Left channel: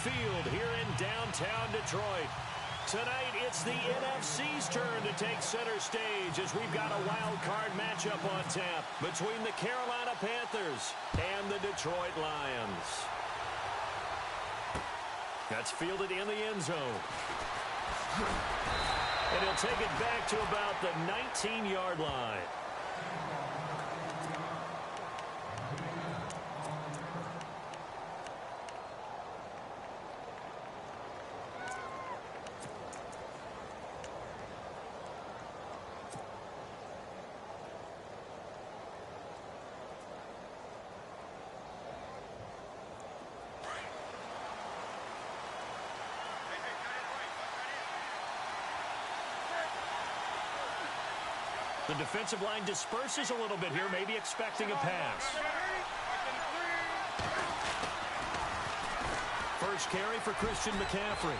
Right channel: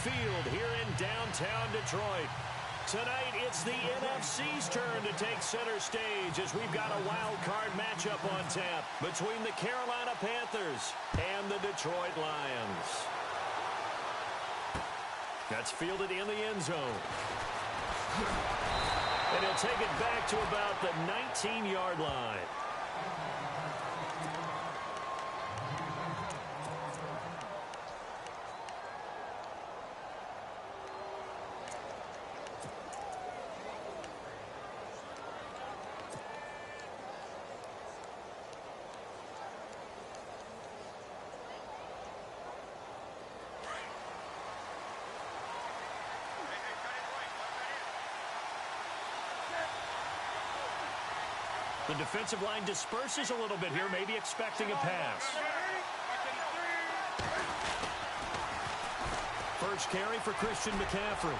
Field here in downtown Detroit. Tonight, it's the NFC's turn to take center stage as we've got a wild card matchup on tap between the Carolina Panthers and the Detroit Lions. That's fielded in the end zone. And he'll take it back to about the 19-yard line. The defensive line disperses a little bit here, maybe expecting a pass. First carry for Christian McCaffrey.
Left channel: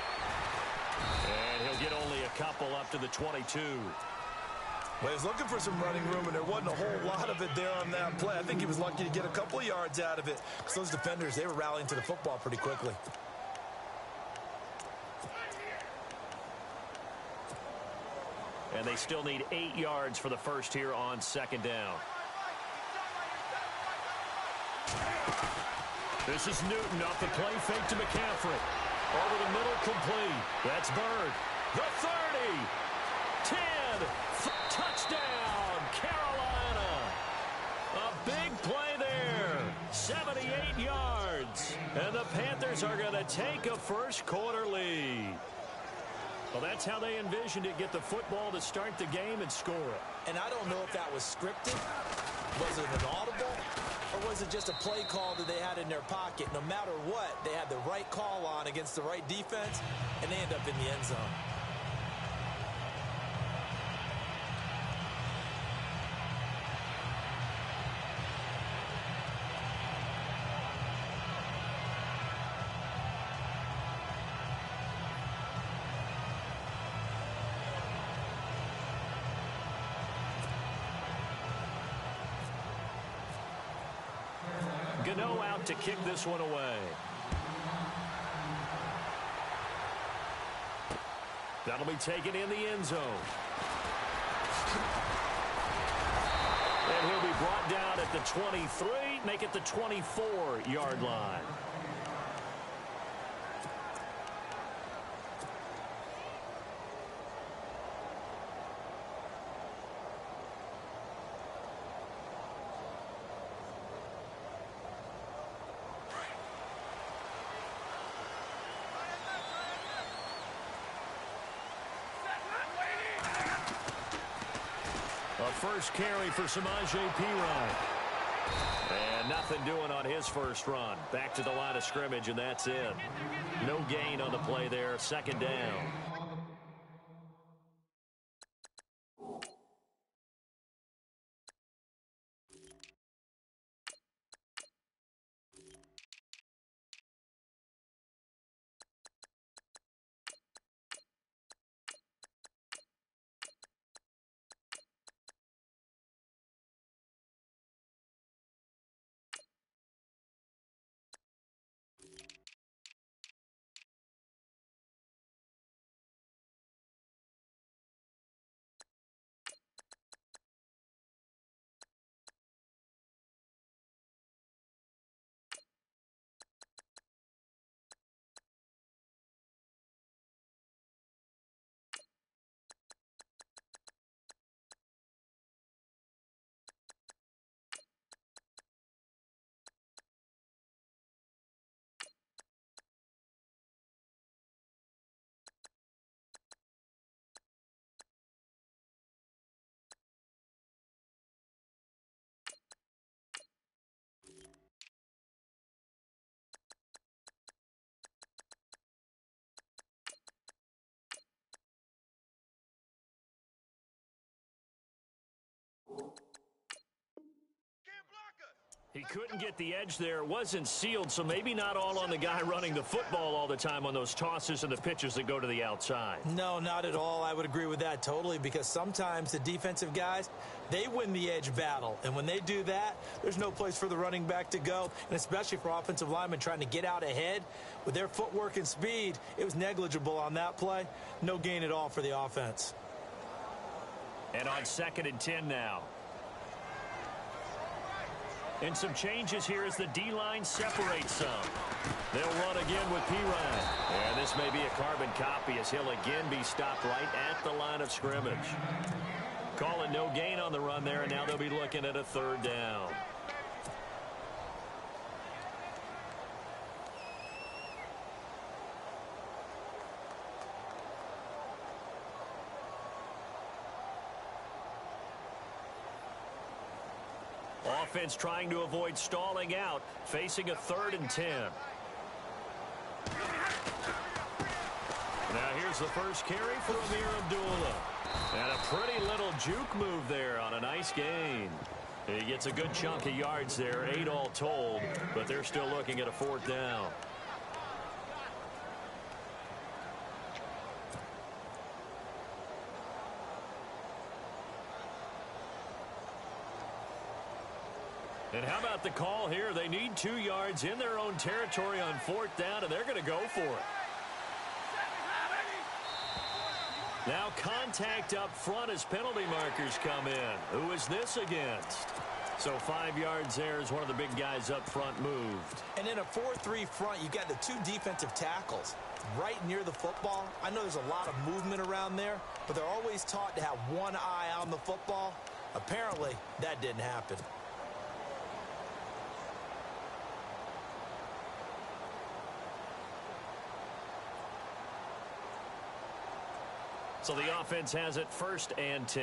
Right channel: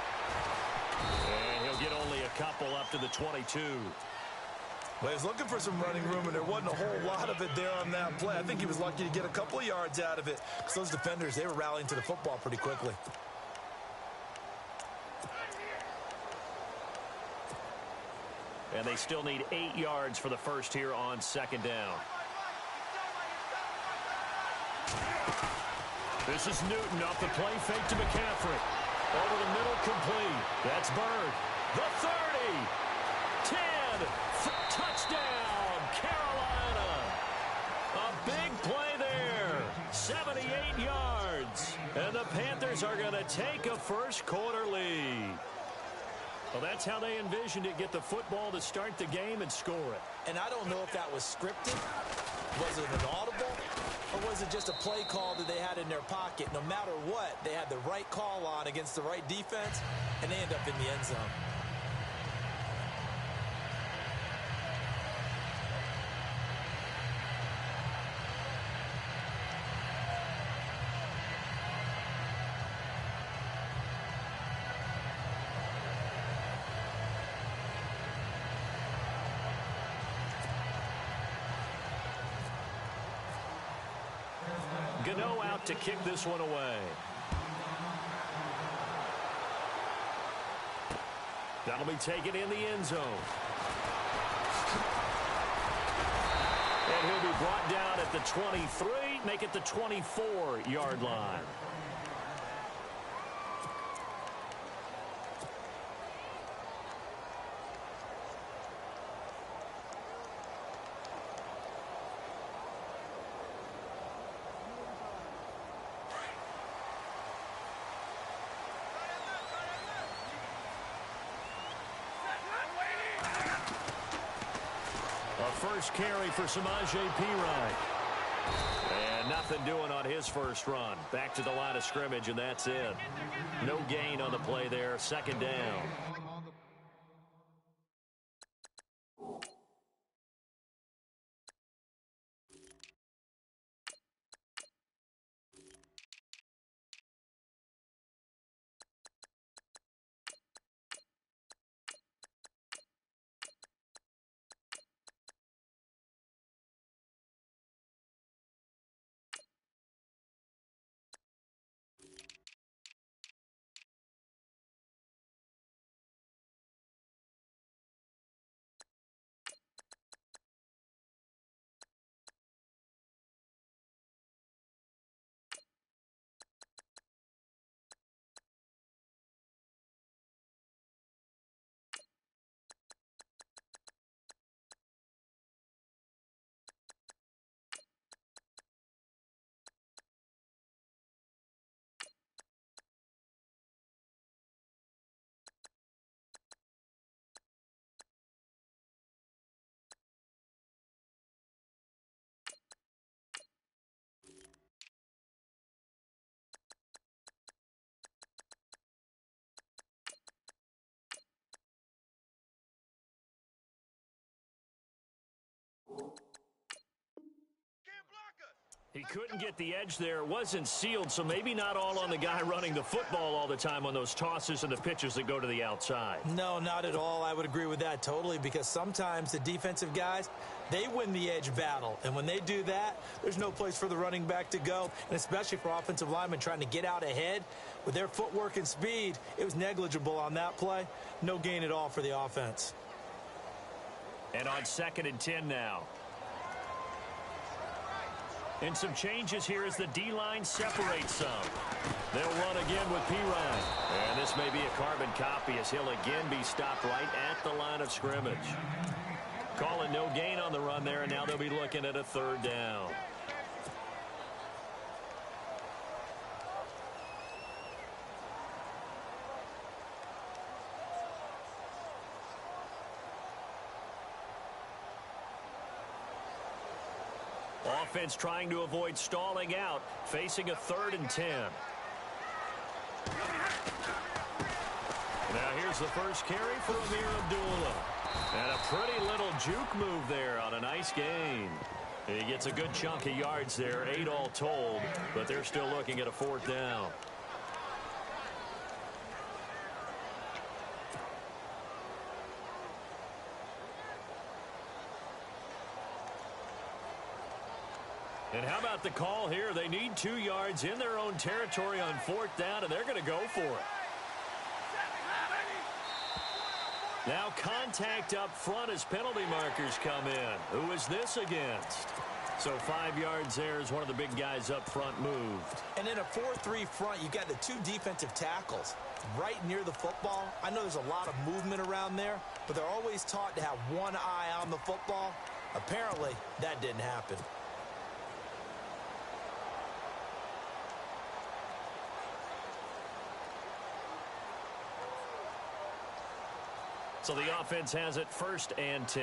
And he'll get only a couple up to the 22. Well, he was looking for some running room, and there wasn't a whole lot of it there on that play. I think he was lucky to get a couple of yards out of it because those defenders, they were rallying to the football pretty quickly. And they still need 8 yards for the first here on second down. This is Newton off the play fake to McCaffrey. Over the middle, complete. That's Bird. The 30. 10. Touchdown, Carolina. A big play there. 78 yards. And the Panthers are going to take a first quarter lead. Well, that's how they envisioned it, get the football to start the game and score it. And I don't know if that was scripted. Was it an audible? Or was it just a play call that they had in their pocket? No matter what, they had the right call on against the right defense, and they end up in the end zone. Gano out to kick this one away. That'll be taken in the end zone. And he'll be brought down at the 23, make it the 24-yard line. A first carry for Samaje Perine. And nothing doing on his first run. Back to the line of scrimmage, and that's it. No gain on the play there. Second down. He couldn't get the edge there. It wasn't sealed, so maybe not all on the guy running the football all the time on those tosses and the pitches that go to the outside. No, not at all. I would agree with that totally, because sometimes the defensive guys, they win the edge battle. And when they do that, there's no place for the running back to go, and especially for offensive linemen trying to get out ahead. With their footwork and speed, it was negligible on that play. No gain at all for the offense. And on 2nd and 10 now. And some changes here as the D-line separates some. They'll run again with P-Ryan. And this may be a carbon copy as he'll again be stopped right at the line of scrimmage. Calling no gain on the run there, and now they'll be looking at a 3rd down. Offense trying to avoid stalling out, facing a 3rd and 10. Now here's the first carry for Amir Abdullah. And a pretty little juke move there on a nice gain. He gets a good chunk of yards there, 8 all told, but they're still looking at a 4th down. And how about the call here? They need 2 yards in their own territory on 4th down, and they're going to go for it. Now contact up front as penalty markers come in. Who is this against? So 5 yards there as one of the big guys up front moved. And in a 4-3 front, you've got the 2 defensive tackles right near the football. I know there's a lot of movement around there, but they're always taught to have one eye on the football. Apparently, that didn't happen. So the offense has it 1st and 10.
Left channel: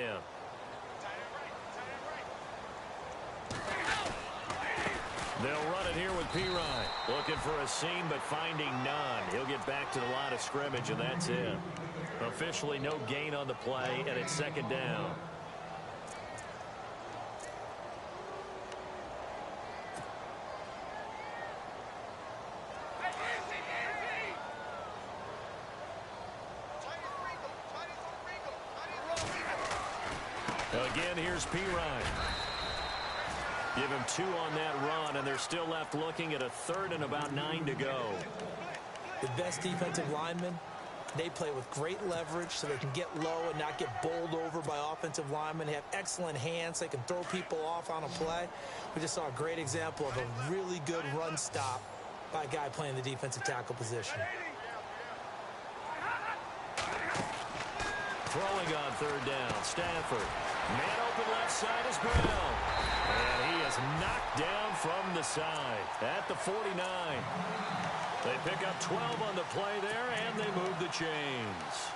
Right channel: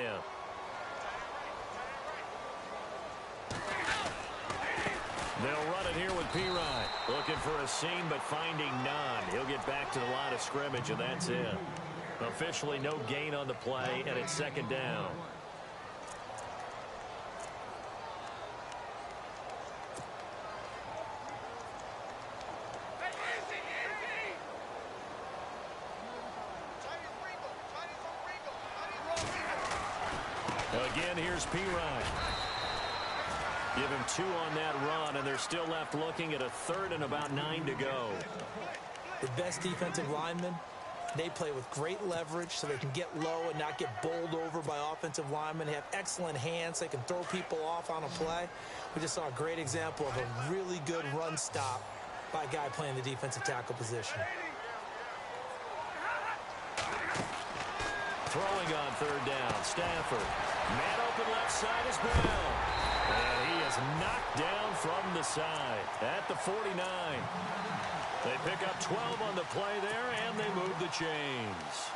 They'll run it here with P-Ryan. Looking for a seam, but finding none. He'll get back to the line of scrimmage, and that's it. Officially no gain on the play, and it's 2nd down. Again, here's P-Ryan. Give him 2 on that run, and they're still left looking at a 3rd and about 9 to go. The best defensive linemen, they play with great leverage so they can get low and not get bowled over by offensive linemen. They have excellent hands. They can throw people off on a play. We just saw a great example of a really good run stop by a guy playing the defensive tackle position. Throwing on 3rd down, Stafford. Man open left side is Brown. And he is knocked down from the side at the 49. They pick up 12 on the play there, and they move the chains.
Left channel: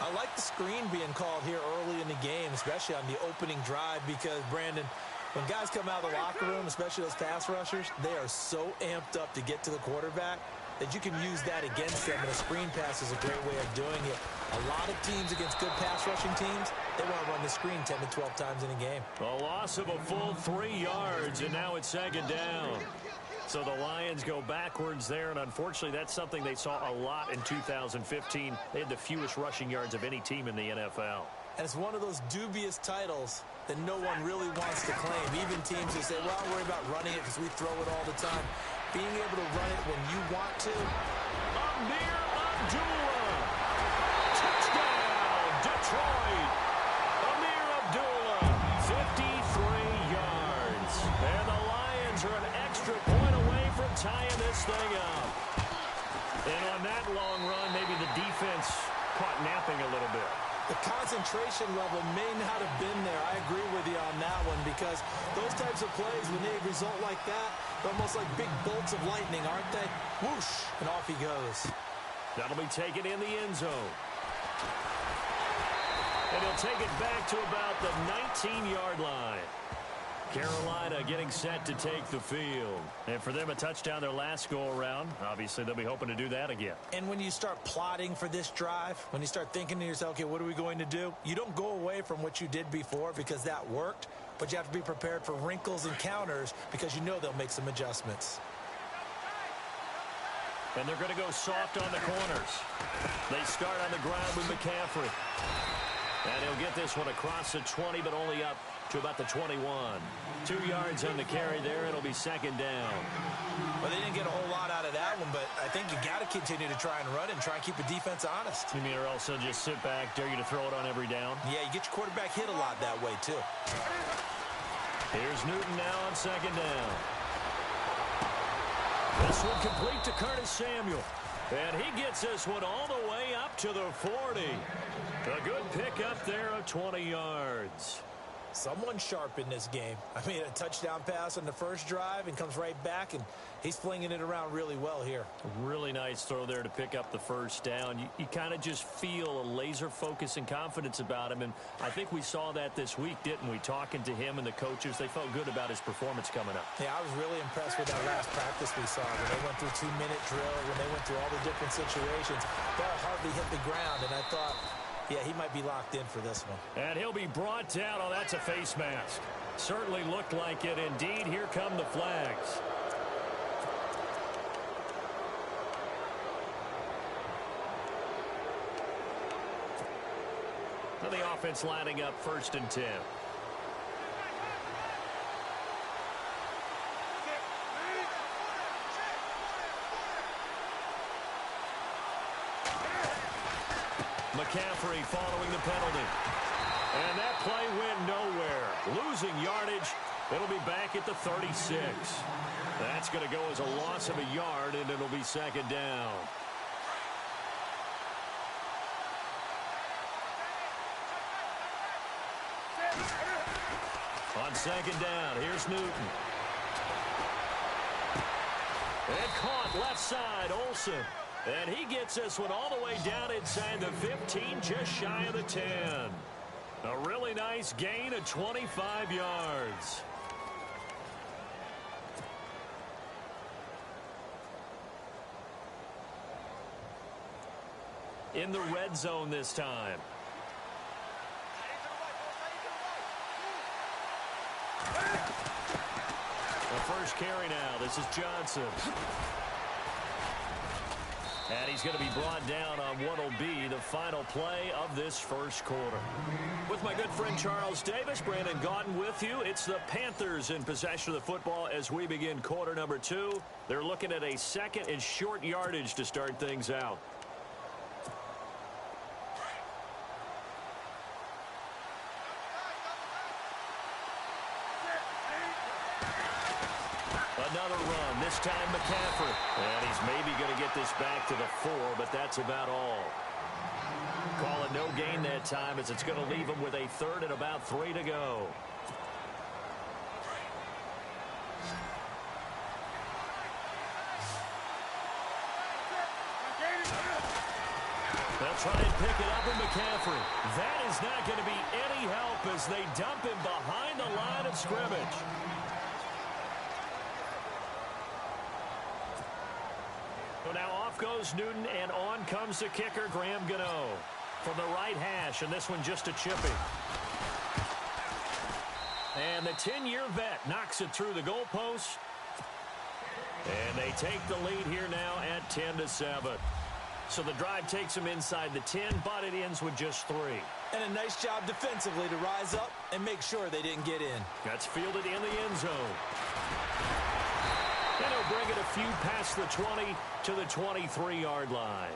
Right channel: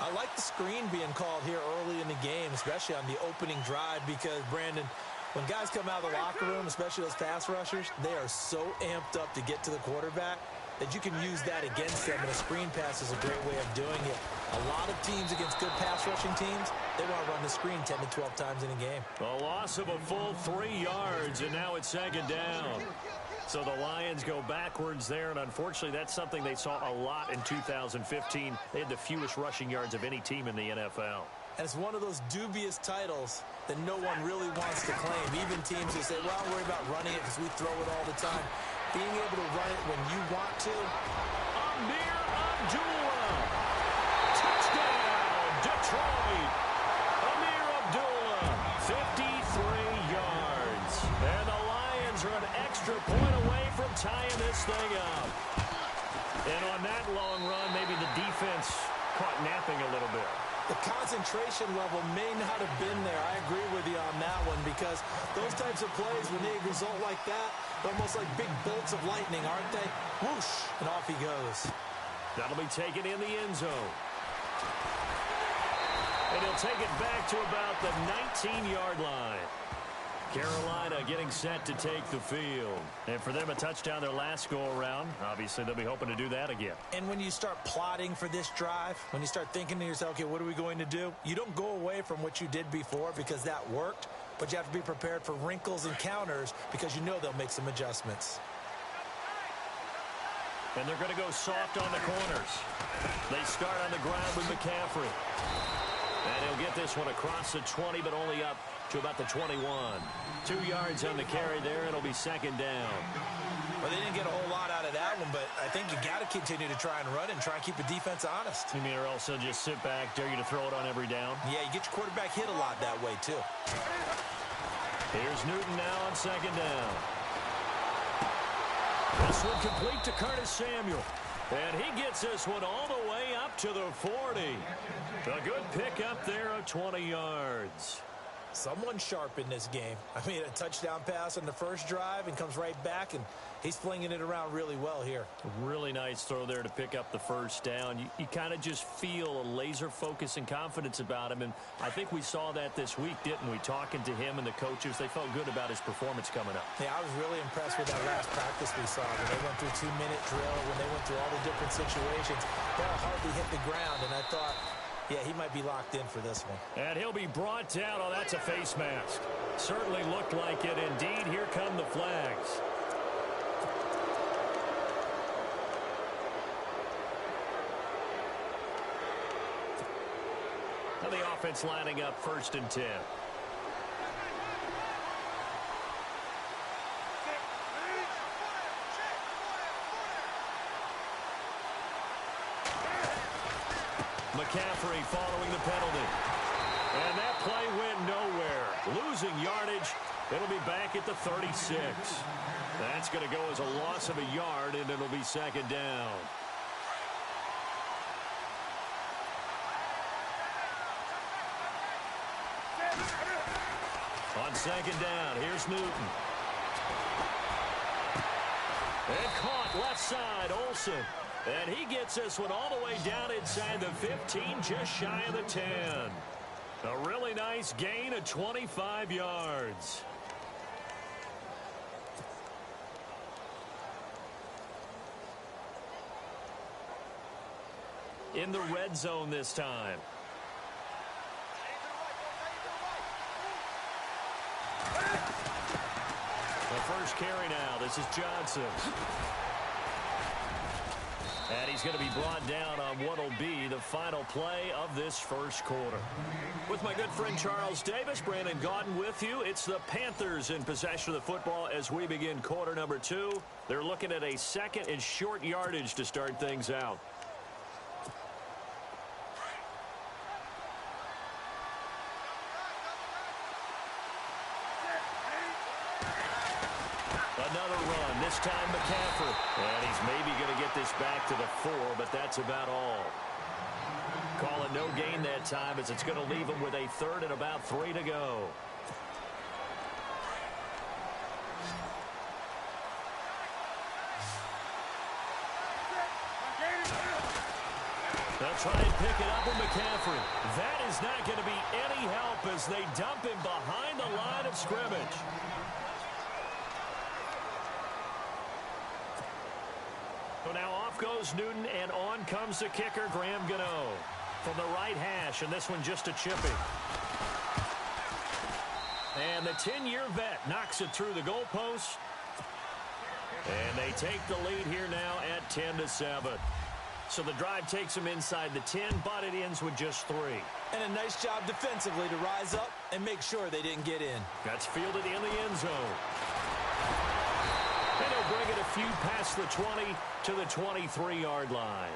I like the screen being called here early in the game, especially on the opening drive, because, Brandon, when guys come out of the locker room, especially those pass rushers, they are so amped up to get to the quarterback that you can use that against them, and a screen pass is a great way of doing it. A lot of teams against good pass rushing teams, they want to run the screen 10 to 12 times in a game. A loss of a full 3 yards, and now it's 2nd down. So the Lions go backwards there, and unfortunately that's something they saw a lot in 2015. They had the fewest rushing yards of any team in the NFL. And it's one of those dubious titles that no one really wants to claim. Even teams who say, well, don't worry about running it because we throw it all the time. Being able to run it when you want to. Amir Abdullah. Touchdown, Detroit. Amir Abdullah, 53 yards. And the Lions are an extra point away from tying this thing up. And on that long run, maybe the defense caught napping a little bit. The concentration level may not have been there. I agree with you on that one, because those types of plays, when they result like that, they're almost like big bolts of lightning, aren't they? Whoosh, and off he goes. That'll be taken in the end zone. And he'll take it back to about the 19-yard line. Carolina getting set to take the field. And for them, a touchdown their last go-around. Obviously, they'll be hoping to do that again. And when you start plotting for this drive, when you start thinking to yourself, okay, what are we going to do? You don't go away from what you did before because that worked. but you have to be prepared for wrinkles and counters because you know they'll make some adjustments. And they're going to go soft on the corners. They start on the ground with McCaffrey. And he'll get this one across the 20, but only up to about the 21. 2 yards on the carry there. It'll be second down. Well, they didn't get a whole lot out of that one, but I think you got to continue to try and run and try and keep the defense honest. You mean, or else they'll just sit back, dare you to throw it on every down? Yeah, you get your quarterback hit a lot that way, too. Here's Newton now on second down. This one complete to Curtis Samuel. And he gets this one all the way up to the 40. A good pickup there of 20 yards. Someone sharp in this game. I mean, a touchdown pass on the first drive and comes right back, and he's flinging it around really well here. Really nice throw there to pick up the first down. You kind of just feel a laser focus and confidence about him, and I think we saw that this week, didn't we? Talking to him and the coaches, they felt good about his performance coming up. Yeah, I was really impressed with that last practice we saw when they went through 2-minute drill, when they went through all the different situations. Ball hardly hit the ground, and I thought, yeah, he might be locked in for this one. And he'll be brought down. Oh, that's a face mask. Certainly looked like it. Indeed, here come the flags. Now the offense lining up 1st and 10. McCaffrey following the penalty. And that play went nowhere. Losing yardage. It'll be back at the 36. That's going to go as a loss of a yard, and it'll be second down. On second down, here's Newton. And caught left side, Olsen. And he gets this one all the way down inside the 15, just shy of the 10. A really nice gain of 25 yards. In the red zone this time. The first carry now. This is Johnson. And he's going to be brought down on what will be the final play of this first quarter. With my good friend Charles Davis, Brandon Gaudin with you. It's the Panthers in possession of the football as we begin quarter number 2. They're looking at a second and short yardage to start things out. Another run, this time McCaffrey. And he's maybe going to get this back to the 4, but that's about all. Call it no gain that time as it's going to leave him with a 3rd and about 3 to go. They'll try and pick it up with McCaffrey. That is not going to be any help as they dump him behind the line of scrimmage. So now off goes Newton, and on comes the kicker, Graham Gano. From the right hash, and this one just a chipping. And the 10-year vet knocks it through the goalpost. And they take the lead here now at 10-7. So the drive takes them inside the 10, but it ends with just 3. And a nice job defensively to rise up and make sure they didn't get in. That's fielded in the end zone. And he'll bring it a few past the 20 to the 23-yard line.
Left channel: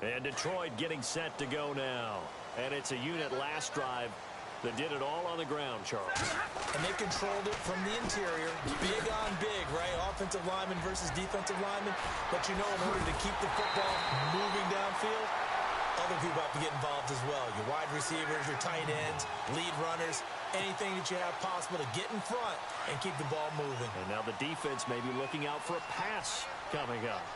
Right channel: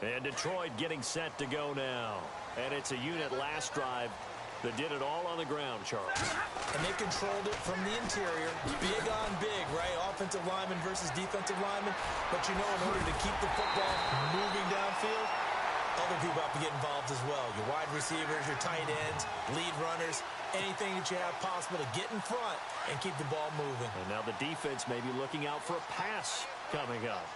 And Detroit getting set to go now. And it's a unit last drive that did it all on the ground, Charles. And they controlled it from the interior. Big on big, right? Offensive lineman versus defensive lineman. But you know, in order to keep the football moving downfield, other people have to get involved as well. Your wide receivers, your tight ends, lead runners, anything that you have possible to get in front and keep the ball moving. And now the defense may be looking out for a pass coming up.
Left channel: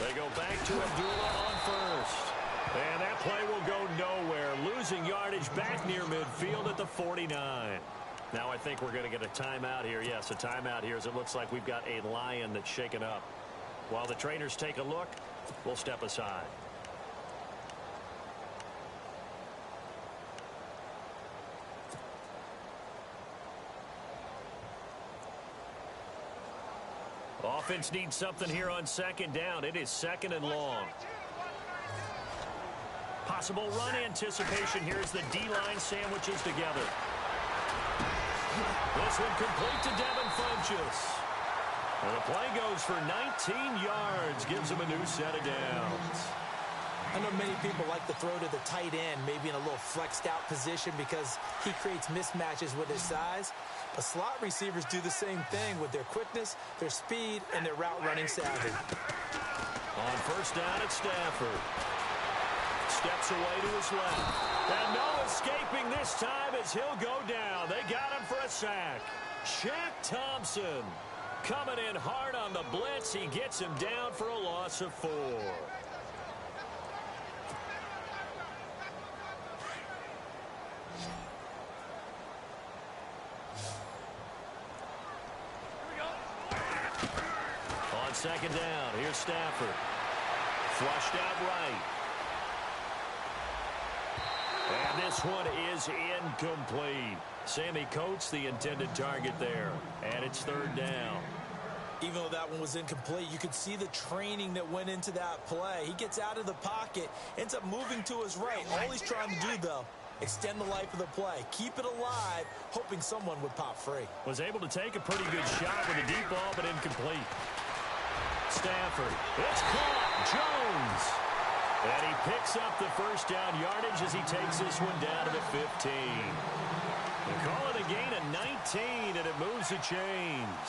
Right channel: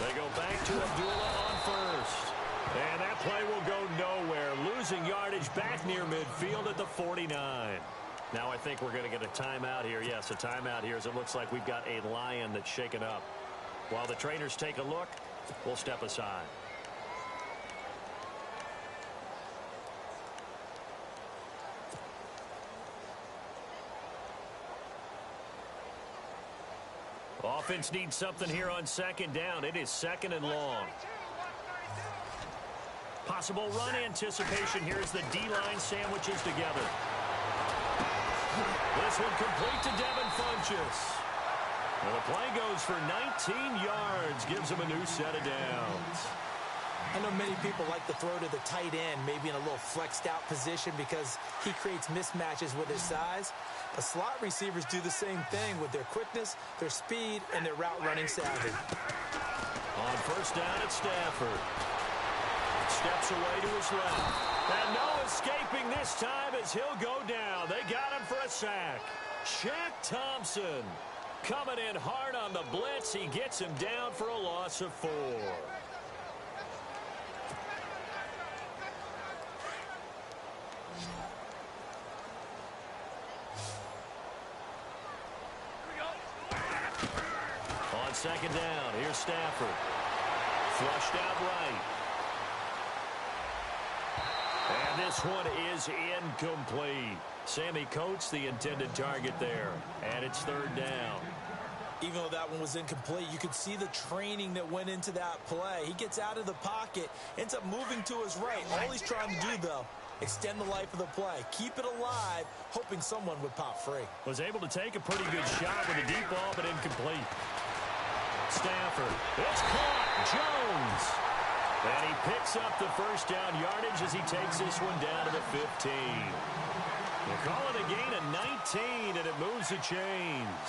They go back to Abdullah on first. And that play will go nowhere, losing yardage back near midfield at the 49. Now I think we're going to get a timeout here. Yes, a timeout here as it looks like we've got a Lion that's shaken up. While the trainers take a look, we'll step aside. Offense needs something here on second down. It is second and long. Possible run anticipation here as the D-line sandwiches together. This one complete to Devin Funchess. And the play goes for 19 yards, gives him a new set of downs. I know many people like to throw to the tight end, maybe in a little flexed out position because he creates mismatches with his size. But slot receivers do the same thing with their quickness, their speed, and their route running savvy. On first down at Stafford. Steps away to his left. And no escaping this time as he'll go down. They got him for a sack. Shaq Thompson coming in hard on the blitz. He gets him down for a loss of 4. On second down, here's Stafford. Flushed out right. And this one is incomplete. Sammy Coates, the intended target there. And it's third down. Even though that one was incomplete, you could see the training that went into that play. He gets out of the pocket, ends up moving to his right. All he's trying to do, though, extend the life of the play. Keep it alive, hoping someone would pop free. Was able to take a pretty good shot with a deep ball, but incomplete. Stafford. It's caught. Jones. And he picks up the first down yardage as he takes this one down to the 15. They call it a gain of 19, and it moves the chains.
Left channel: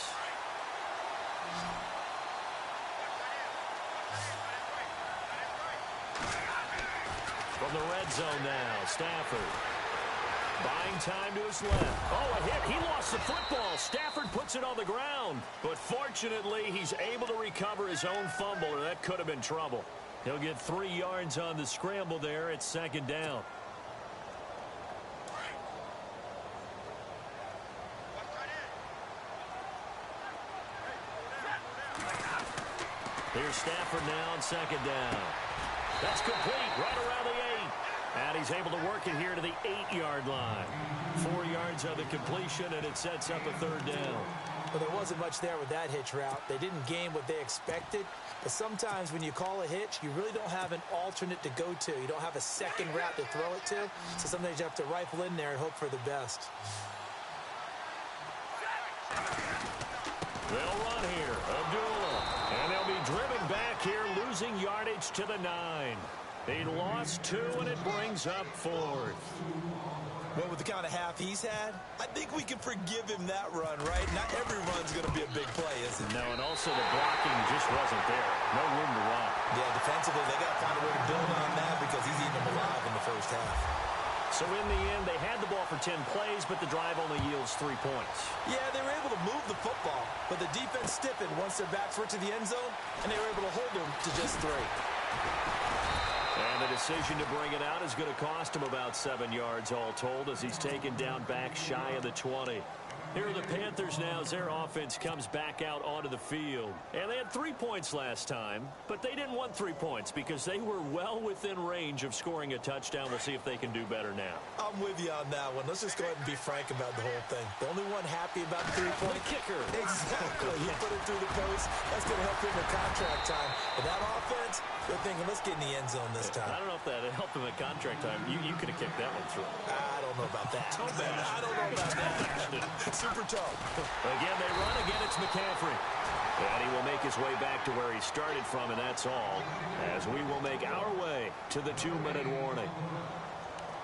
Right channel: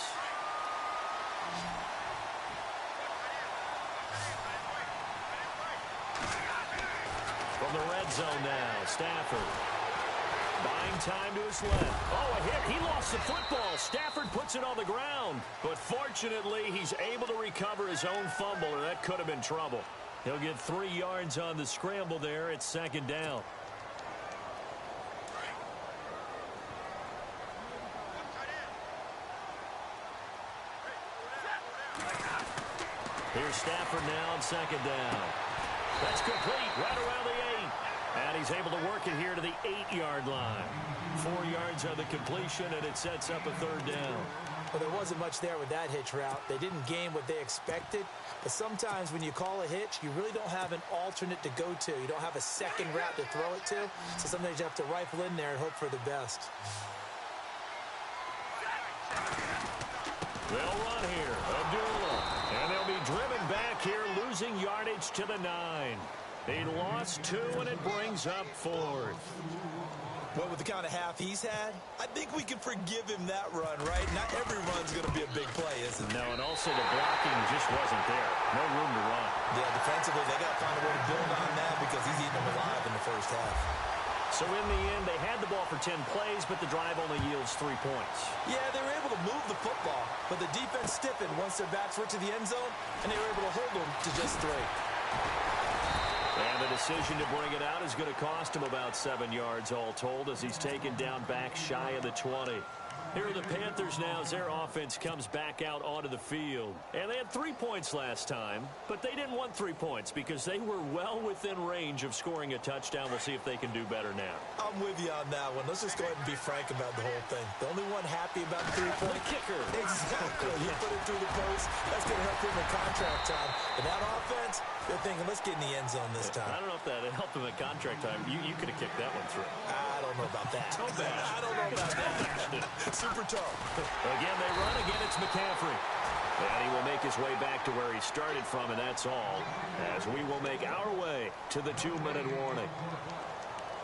From the red zone now, Stafford. Buying time to his left. Oh, a hit. He lost the football. Stafford puts it on the ground. But fortunately, he's able to recover his own fumble, or that could have been trouble. He'll get 3 yards on the scramble there at second down. Here's Stafford now on second down. That's complete right around the 8. And he's able to work it here to the 8-yard line. 4 yards on the completion, and it sets up a third down. Well, there wasn't much there with that hitch route. They didn't gain what they expected. But sometimes when you call a hitch, you really don't have an alternate to go to. You don't have a second route to throw it to. So sometimes you have to rifle in there and hope for the best. They'll run here. Abdullah. And they'll be driven back here, losing yardage to the 9. He lost 2, and it brings up 4th. Well, with the kind of half he's had, I think we can forgive him that run, right? Not every run's going to be a big play, is it? No, and also the blocking just wasn't there. No room to run. Yeah, defensively, they got to find a way to build on that because he's eating them alive in the first half. So in the end, they had the ball for 10 plays, but the drive only yields 3 points. Yeah, they were able to move the football, but the defense stiffened once their backs were to the end zone, and they were able to hold them to just 3. And the decision to bring it out is going to cost him about 7 yards all told as he's taken down back shy of the 20. Here are the Panthers now as their offense comes back out onto the field. And they had 3 points last time, but they didn't want 3 points because they were well within range of scoring a touchdown. We'll see if they can do better now. I'm with you on that one. Let's just go ahead and be frank about the whole thing. The only one happy about the 3-point kicker. Exactly. He put it through the post. That's going to help him in contract time. But that offense, they're thinking, let's get in the end zone this time. I don't know if that helped him at contract time. You could have kicked that one through. I don't know about that. I don't know about that. Super tough. Again, they run. Again, it's McCaffrey. And he will make his way back to where he started from, and that's all. As we will make our way to the 2-minute warning.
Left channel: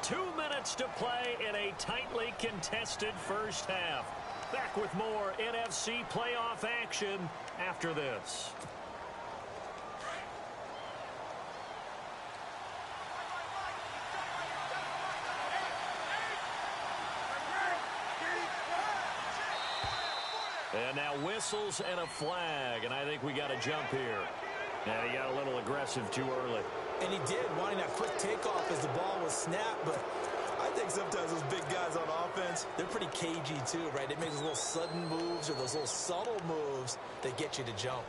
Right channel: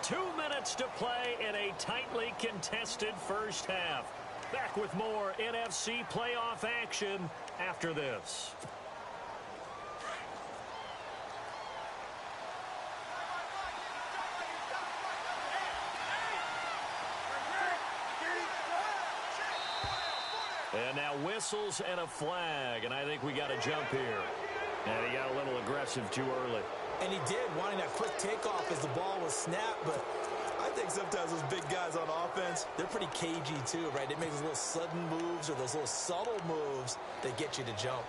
2 minutes to play in a tightly contested first half. Back with more NFC playoff action after this. And now whistles and a flag, and I think we got a jump here. And he got a little aggressive too early. And he did, wanting that quick takeoff as the ball was snapped, but I think sometimes those big guys on offense, they're pretty cagey too, right? They make those little sudden moves or those little subtle moves that get you to jump.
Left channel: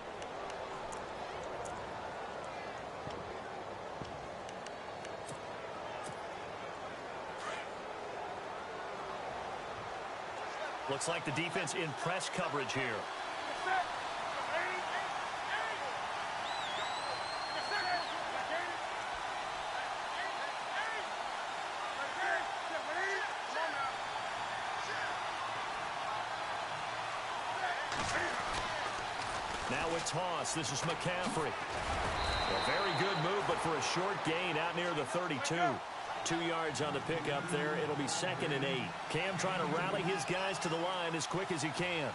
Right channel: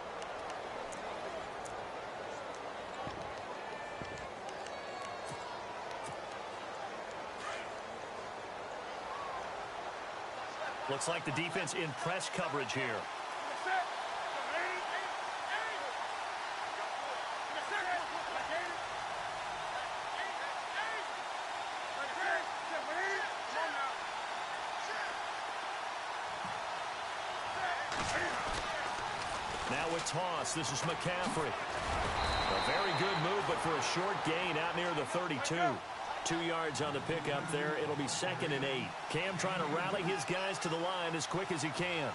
Looks like the defense in press coverage here. Now with toss, this is McCaffrey. A very good move, but for a short gain out near the 32. 2 yards on the pickup there. It'll be 2nd and 8. Cam trying to rally his guys to the line as quick as he can.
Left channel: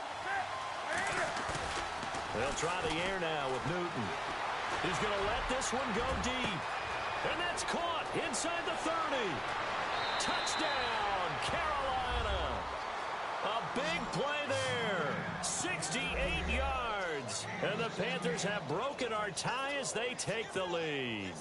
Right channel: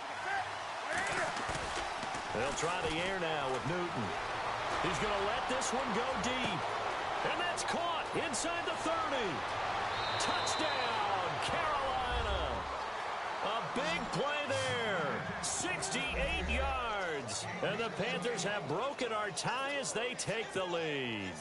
They'll try the air now with Newton. He's going to let this one go deep. And that's caught inside the 30. Touchdown, Carolina. A big play there. 68 yards. And the Panthers have broken our tie as they take the lead.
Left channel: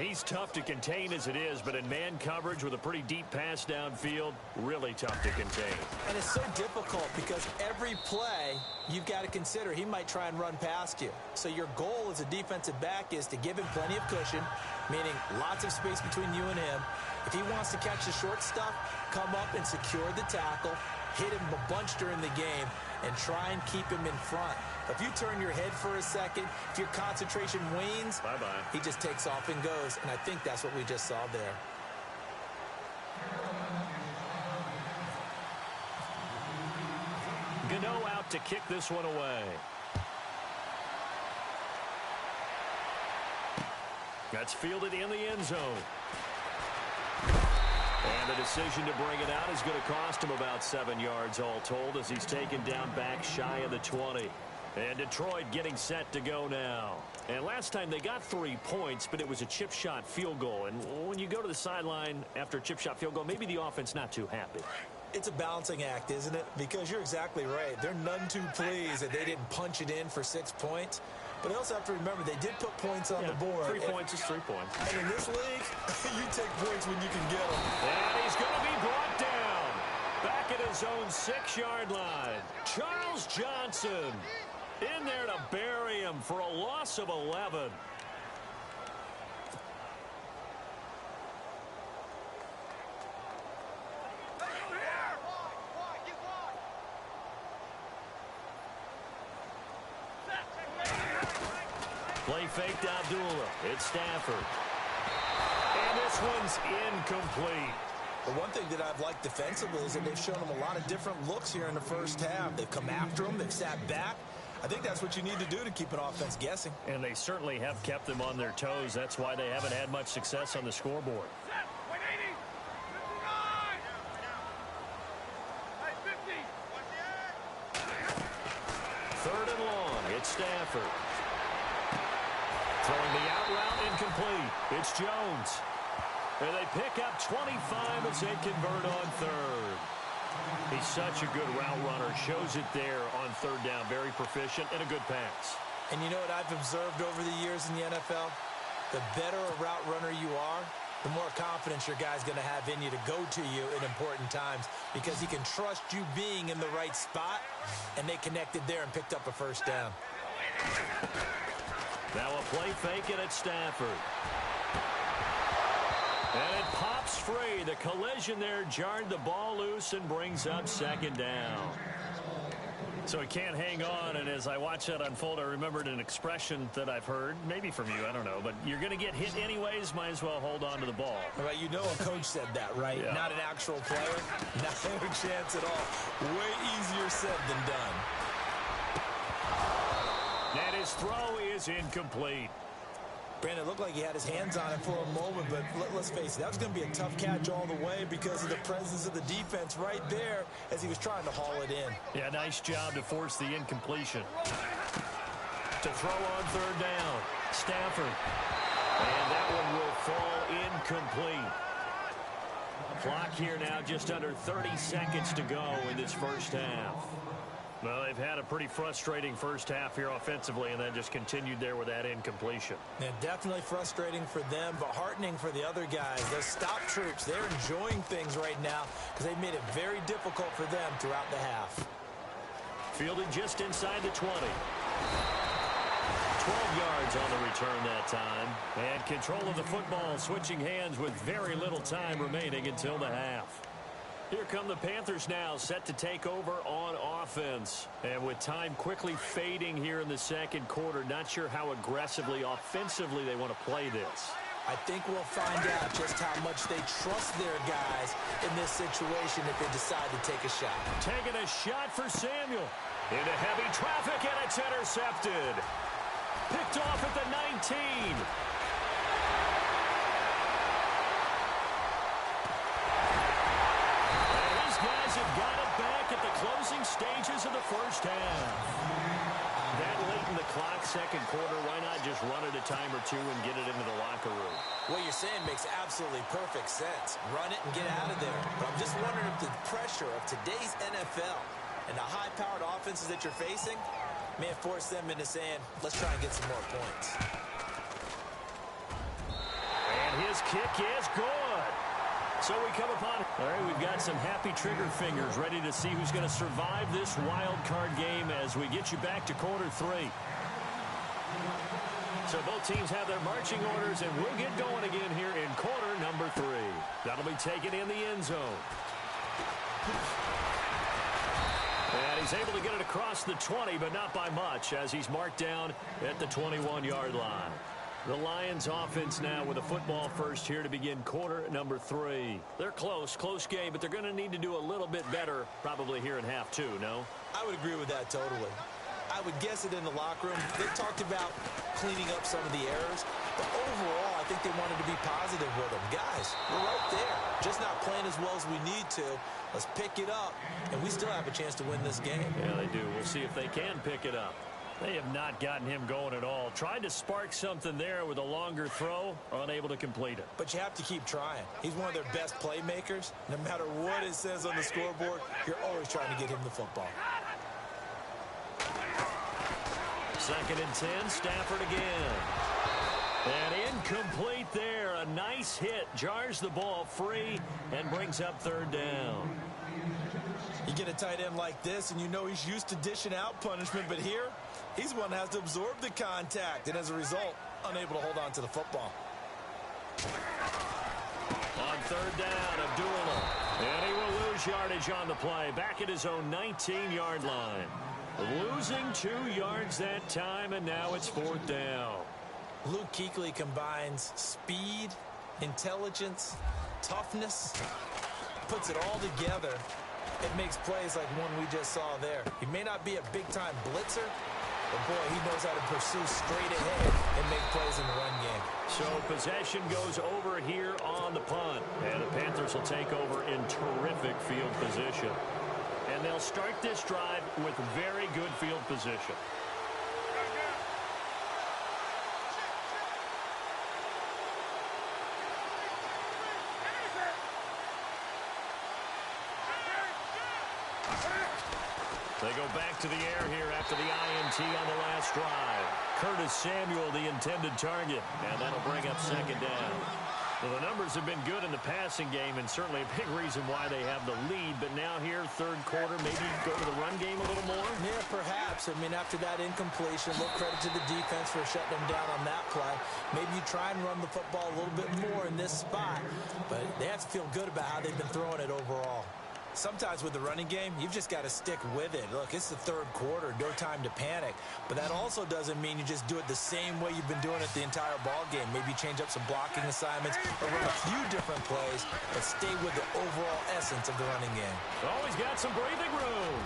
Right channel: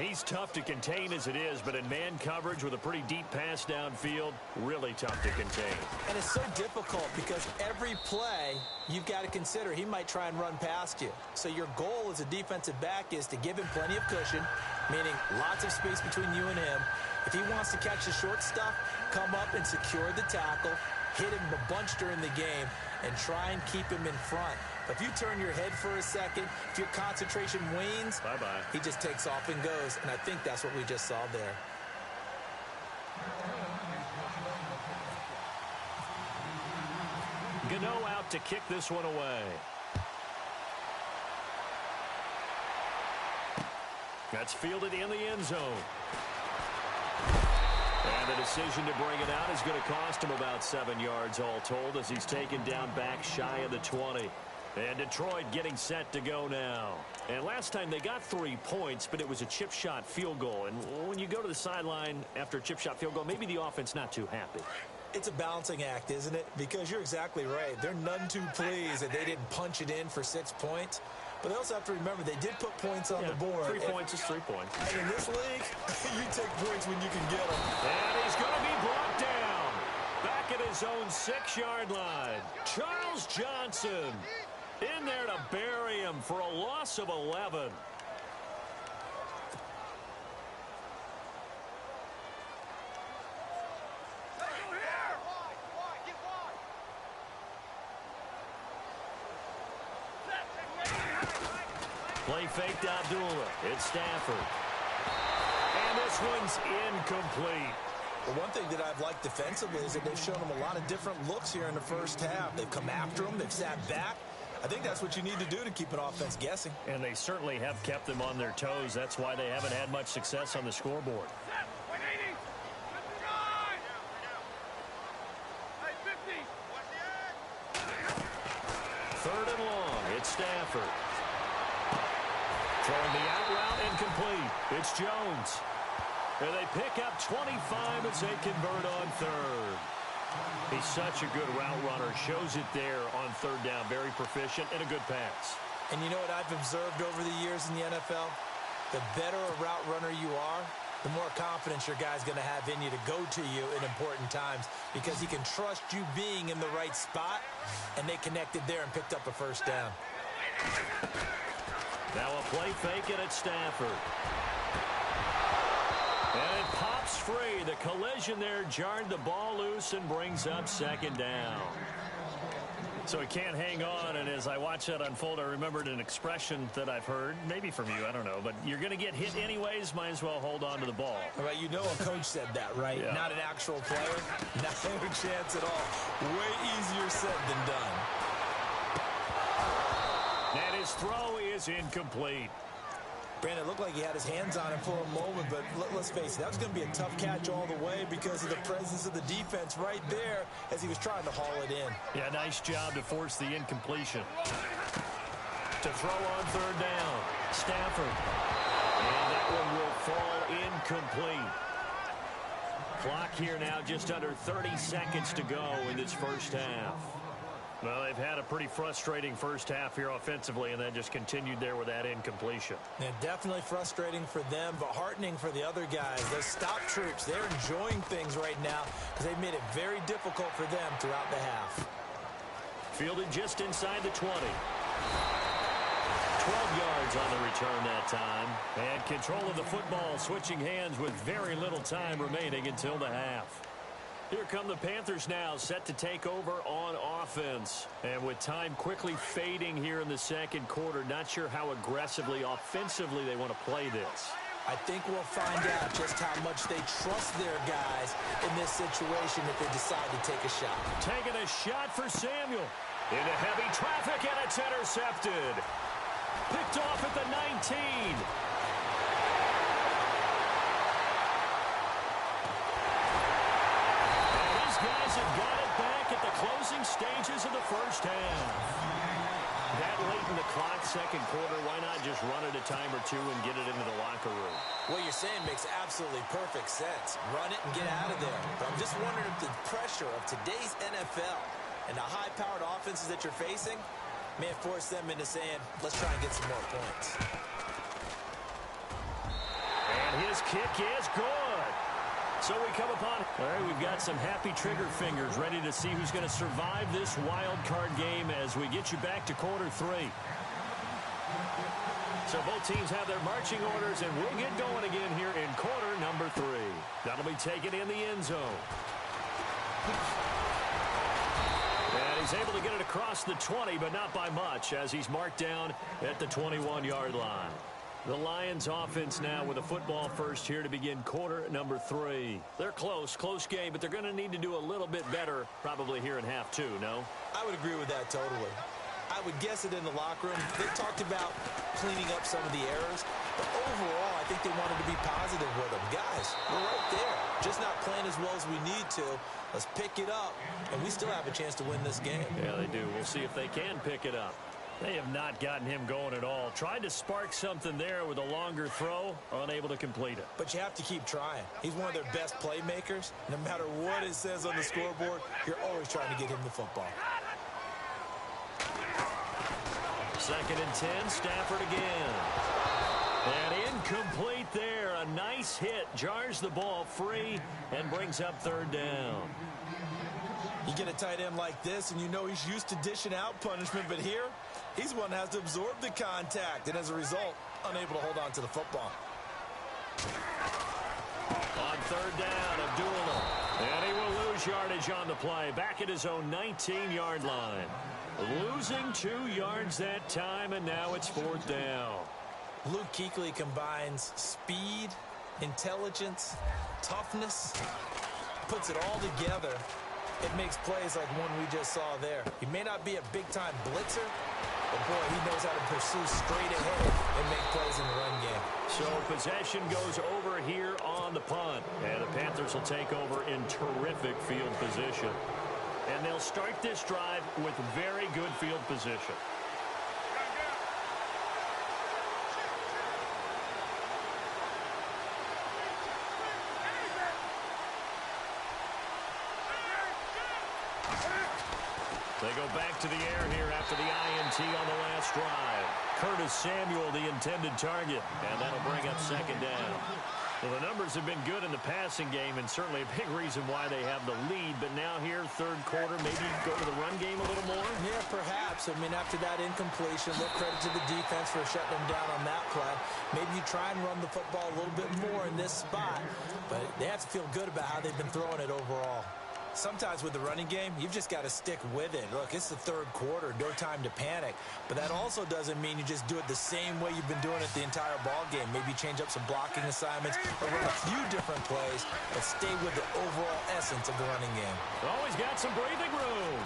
He's tough to contain as it is, but in man coverage with a pretty deep pass downfield, really tough to contain. And it's so difficult because every play you've got to consider he might try and run past you. So your goal as a defensive back is to give him plenty of cushion, meaning lots of space between you and him. If he wants to catch the short stuff, come up and secure the tackle, hit him a bunch during the game, and try and keep him in front. If you turn your head for a second, if your concentration wanes, bye-bye. He just takes off and goes, and I think that's what we just saw there. Gano out to kick this one away. That's fielded in the end zone. And the decision to bring it out is going to cost him about 7 yards all told as he's taken down back shy of the 20. And Detroit getting set to go now. And last time they got 3 points, but it was a chip shot field goal. And when you go to the sideline after a chip shot field goal, maybe the offense not too happy. It's a balancing act, isn't it? Because you're exactly right. They're none too pleased that they didn't punch it in for 6 points. But they also have to remember they did put points on the board. 3 points is 3 points. And in this league, you take points when you can get them. And he's going to be brought down. Back at his own 6-yard line. Charles Johnson in there to bury him for a loss of 11. Play faked Abdullah. It's Stafford. And this one's incomplete. The one thing that I've liked defensively is that they've shown him a lot of different looks here in the first half. They've come after him. They've sat back. I think that's what you need to do to keep an offense guessing. And they certainly have kept them on their toes. That's why they haven't had much success on the scoreboard. Third and long. It's Stafford. Throwing the out route incomplete. It's Jones. And they pick up 25 as they convert on third. He's such a good route runner. Shows it there on third down. Very proficient and a good pass. And you know what I've observed over the years in the NFL? The better a route runner you are, the more confidence your guy's going to have in you to go to you in important times because he can trust you being in the right spot, and they connected there and picked up a first down. Now a play fake it at Stafford. And it pops free. The collision there jarred the ball loose and brings up second down. So he can't hang on, and as I watch that unfold, I remembered an expression that I've heard, maybe from you, I don't know, but you're going to get hit anyways, might as well hold on to the ball. Well, you know a coach said that, right? Yeah. Not an actual player. Not a chance at all. Way easier said than done. And his throw is incomplete. Brandon, it looked like he had his hands on it for a moment, but let's face it, that was going to be a tough catch all the way because of the presence of the defense right there as he was trying to haul it in. Yeah, nice job to force the incompletion. To throw on third down, Stafford. And that one will fall incomplete. Clock here now just under 30 seconds to go in this first half. Well, they've had a pretty frustrating first half here offensively, and then just continued there with that incompletion. Yeah, definitely frustrating for them, but heartening for the other guys. Those stop troops, they're enjoying things right now because they've made it very difficult for them throughout the half. Fielded just inside the 20. 12 yards on the return that time. And control of the football, switching hands with very little time remaining until the half. Here come the Panthers now, set to take over on offense. And with time quickly fading here in the second quarter, not sure how aggressively, offensively they want to play this. I think we'll find out just how much they trust their guys in this situation if they decide to take a shot. Taking a shot for Samuel. Into heavy traffic, and it's intercepted. Picked off at the 19. Guys have got it back at the closing stages of the first half. That late in the clock, second quarter, why not just run it a time or two and get it into the locker room? What you're saying makes absolutely perfect sense. Run it and get out of there. But I'm just wondering if the pressure of today's NFL and the high-powered offenses that you're facing may have forced them into saying, let's try and get some more points. And his kick is good. So we come upon, all right, we've got some happy trigger fingers ready to see who's going to survive this wild card game as we get you back to quarter three. So both teams have their marching orders, and we'll get going again here in quarter number 3. That'll be taken in the end zone. And he's able to get it across the 20, but not by much, as he's marked down at the 21-yard line. The Lions offense now with a football first here to begin quarter number 3. They're close game, but they're going to need to do a little bit better probably here in half 2, no? I would agree with that totally. I would guess it in the locker room. They talked about cleaning up some of the errors, but overall I think they wanted to be positive with them. Guys, we're right there. Just not playing as well as we need to. Let's pick it up, and we still have a chance to win this game. Yeah, they do. We'll see if they can pick it up. They have not gotten him going at all. Tried to spark something there with a longer throw, unable to complete it. But you have to keep trying. He's one of their best playmakers. No matter what it says on the scoreboard, you're always trying to get him the football. 2nd and 10, Stafford again. And incomplete there. A nice hit, jars the ball free, and brings up 3rd down. You get a tight end like this, and you know he's used to dishing out punishment, but here, he's one that has to absorb the contact, and as a result, unable to hold on to the football. On 3rd down, Abdullah. And he will lose yardage on the play, back at his own 19-yard line. Losing 2 yards that time, and now it's 4th down. Luke Kuechly combines speed, intelligence, toughness, puts it all together. It makes plays like one we just saw there. He may not be a big-time blitzer, but, boy, he knows how to pursue straight ahead and make plays in the run game. So possession goes over here on the punt. And the Panthers will take over in terrific field position. And they'll start this drive with very good field position. They go back to the air here after the INT on the last drive. Curtis Samuel, the intended target, and that'll bring up 2nd down. Well, the numbers have been good in the passing game, and certainly a big reason why they have the lead. But now here, 3rd quarter, maybe go to the run game a little more? Yeah, perhaps. I mean, after that incompletion, look, credit to the defense for shutting them down on that play. Maybe you try and run the football a little bit more in this spot, but they have to feel good about how they've been throwing it overall. Sometimes with the running game, you've just got to stick with it. Look, it's the 3rd quarter, no time to panic. But that also doesn't mean you just do it the same way you've been doing it the entire ball game. Maybe change up some blocking assignments or run a few different plays, but stay with the overall essence of the running game. Oh, he's got some breathing room.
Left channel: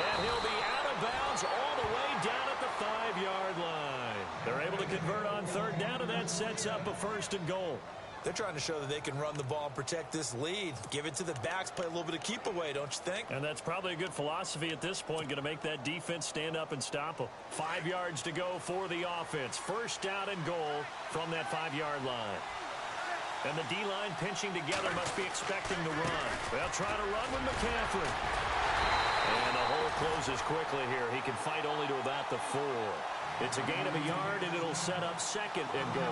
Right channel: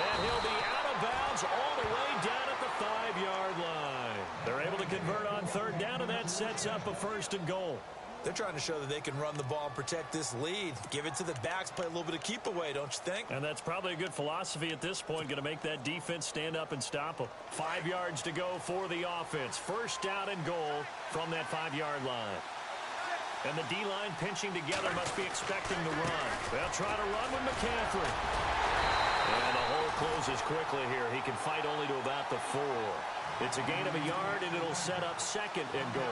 And he'll be out of bounds all the way down at the 5-yard line. They're able to convert on 3rd down, and that sets up a 1st and goal. They're trying to show that they can run the ball and protect this lead. Give it to the backs, play a little bit of keep away, don't you think? And that's probably a good philosophy at this point, going to make that defense stand up and stop them. 5 yards to go for the offense. 1st down and goal from that 5-yard line. And the D-line pinching together, must be expecting the run. They'll try to run with McCaffrey. And the hole closes quickly here. He can fight only to about the 4. It's a gain of a yard, and it'll set up second and goal.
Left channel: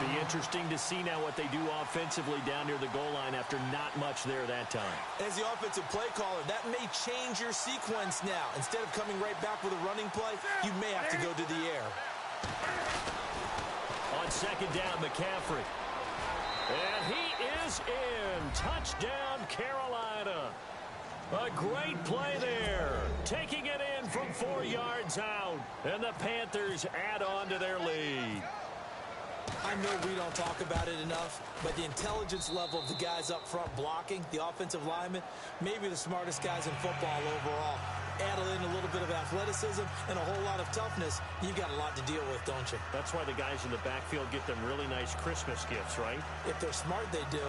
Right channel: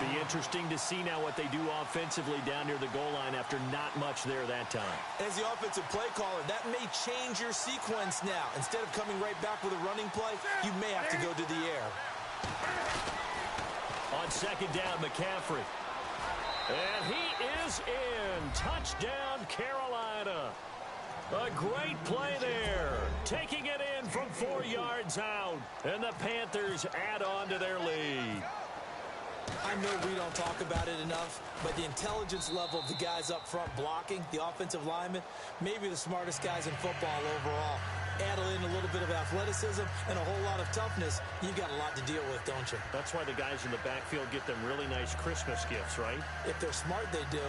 Be interesting to see now what they do offensively down near the goal line after not much there that time. As the offensive play caller, that may change your sequence now. Instead of coming right back with a running play, you may have to go to the air. On second down, McCaffrey. And he is in. Touchdown, Carolina. A great play there. Taking it in from 4 yards out. And the Panthers add on to their lead. I know we don't talk about it enough, but the intelligence level of the guys up front blocking, the offensive linemen, maybe the smartest guys in football overall. Add in a little bit of athleticism and a whole lot of toughness, you've got a lot to deal with, don't you? That's why the guys in the backfield get them really nice Christmas gifts, right? If they're smart, they do.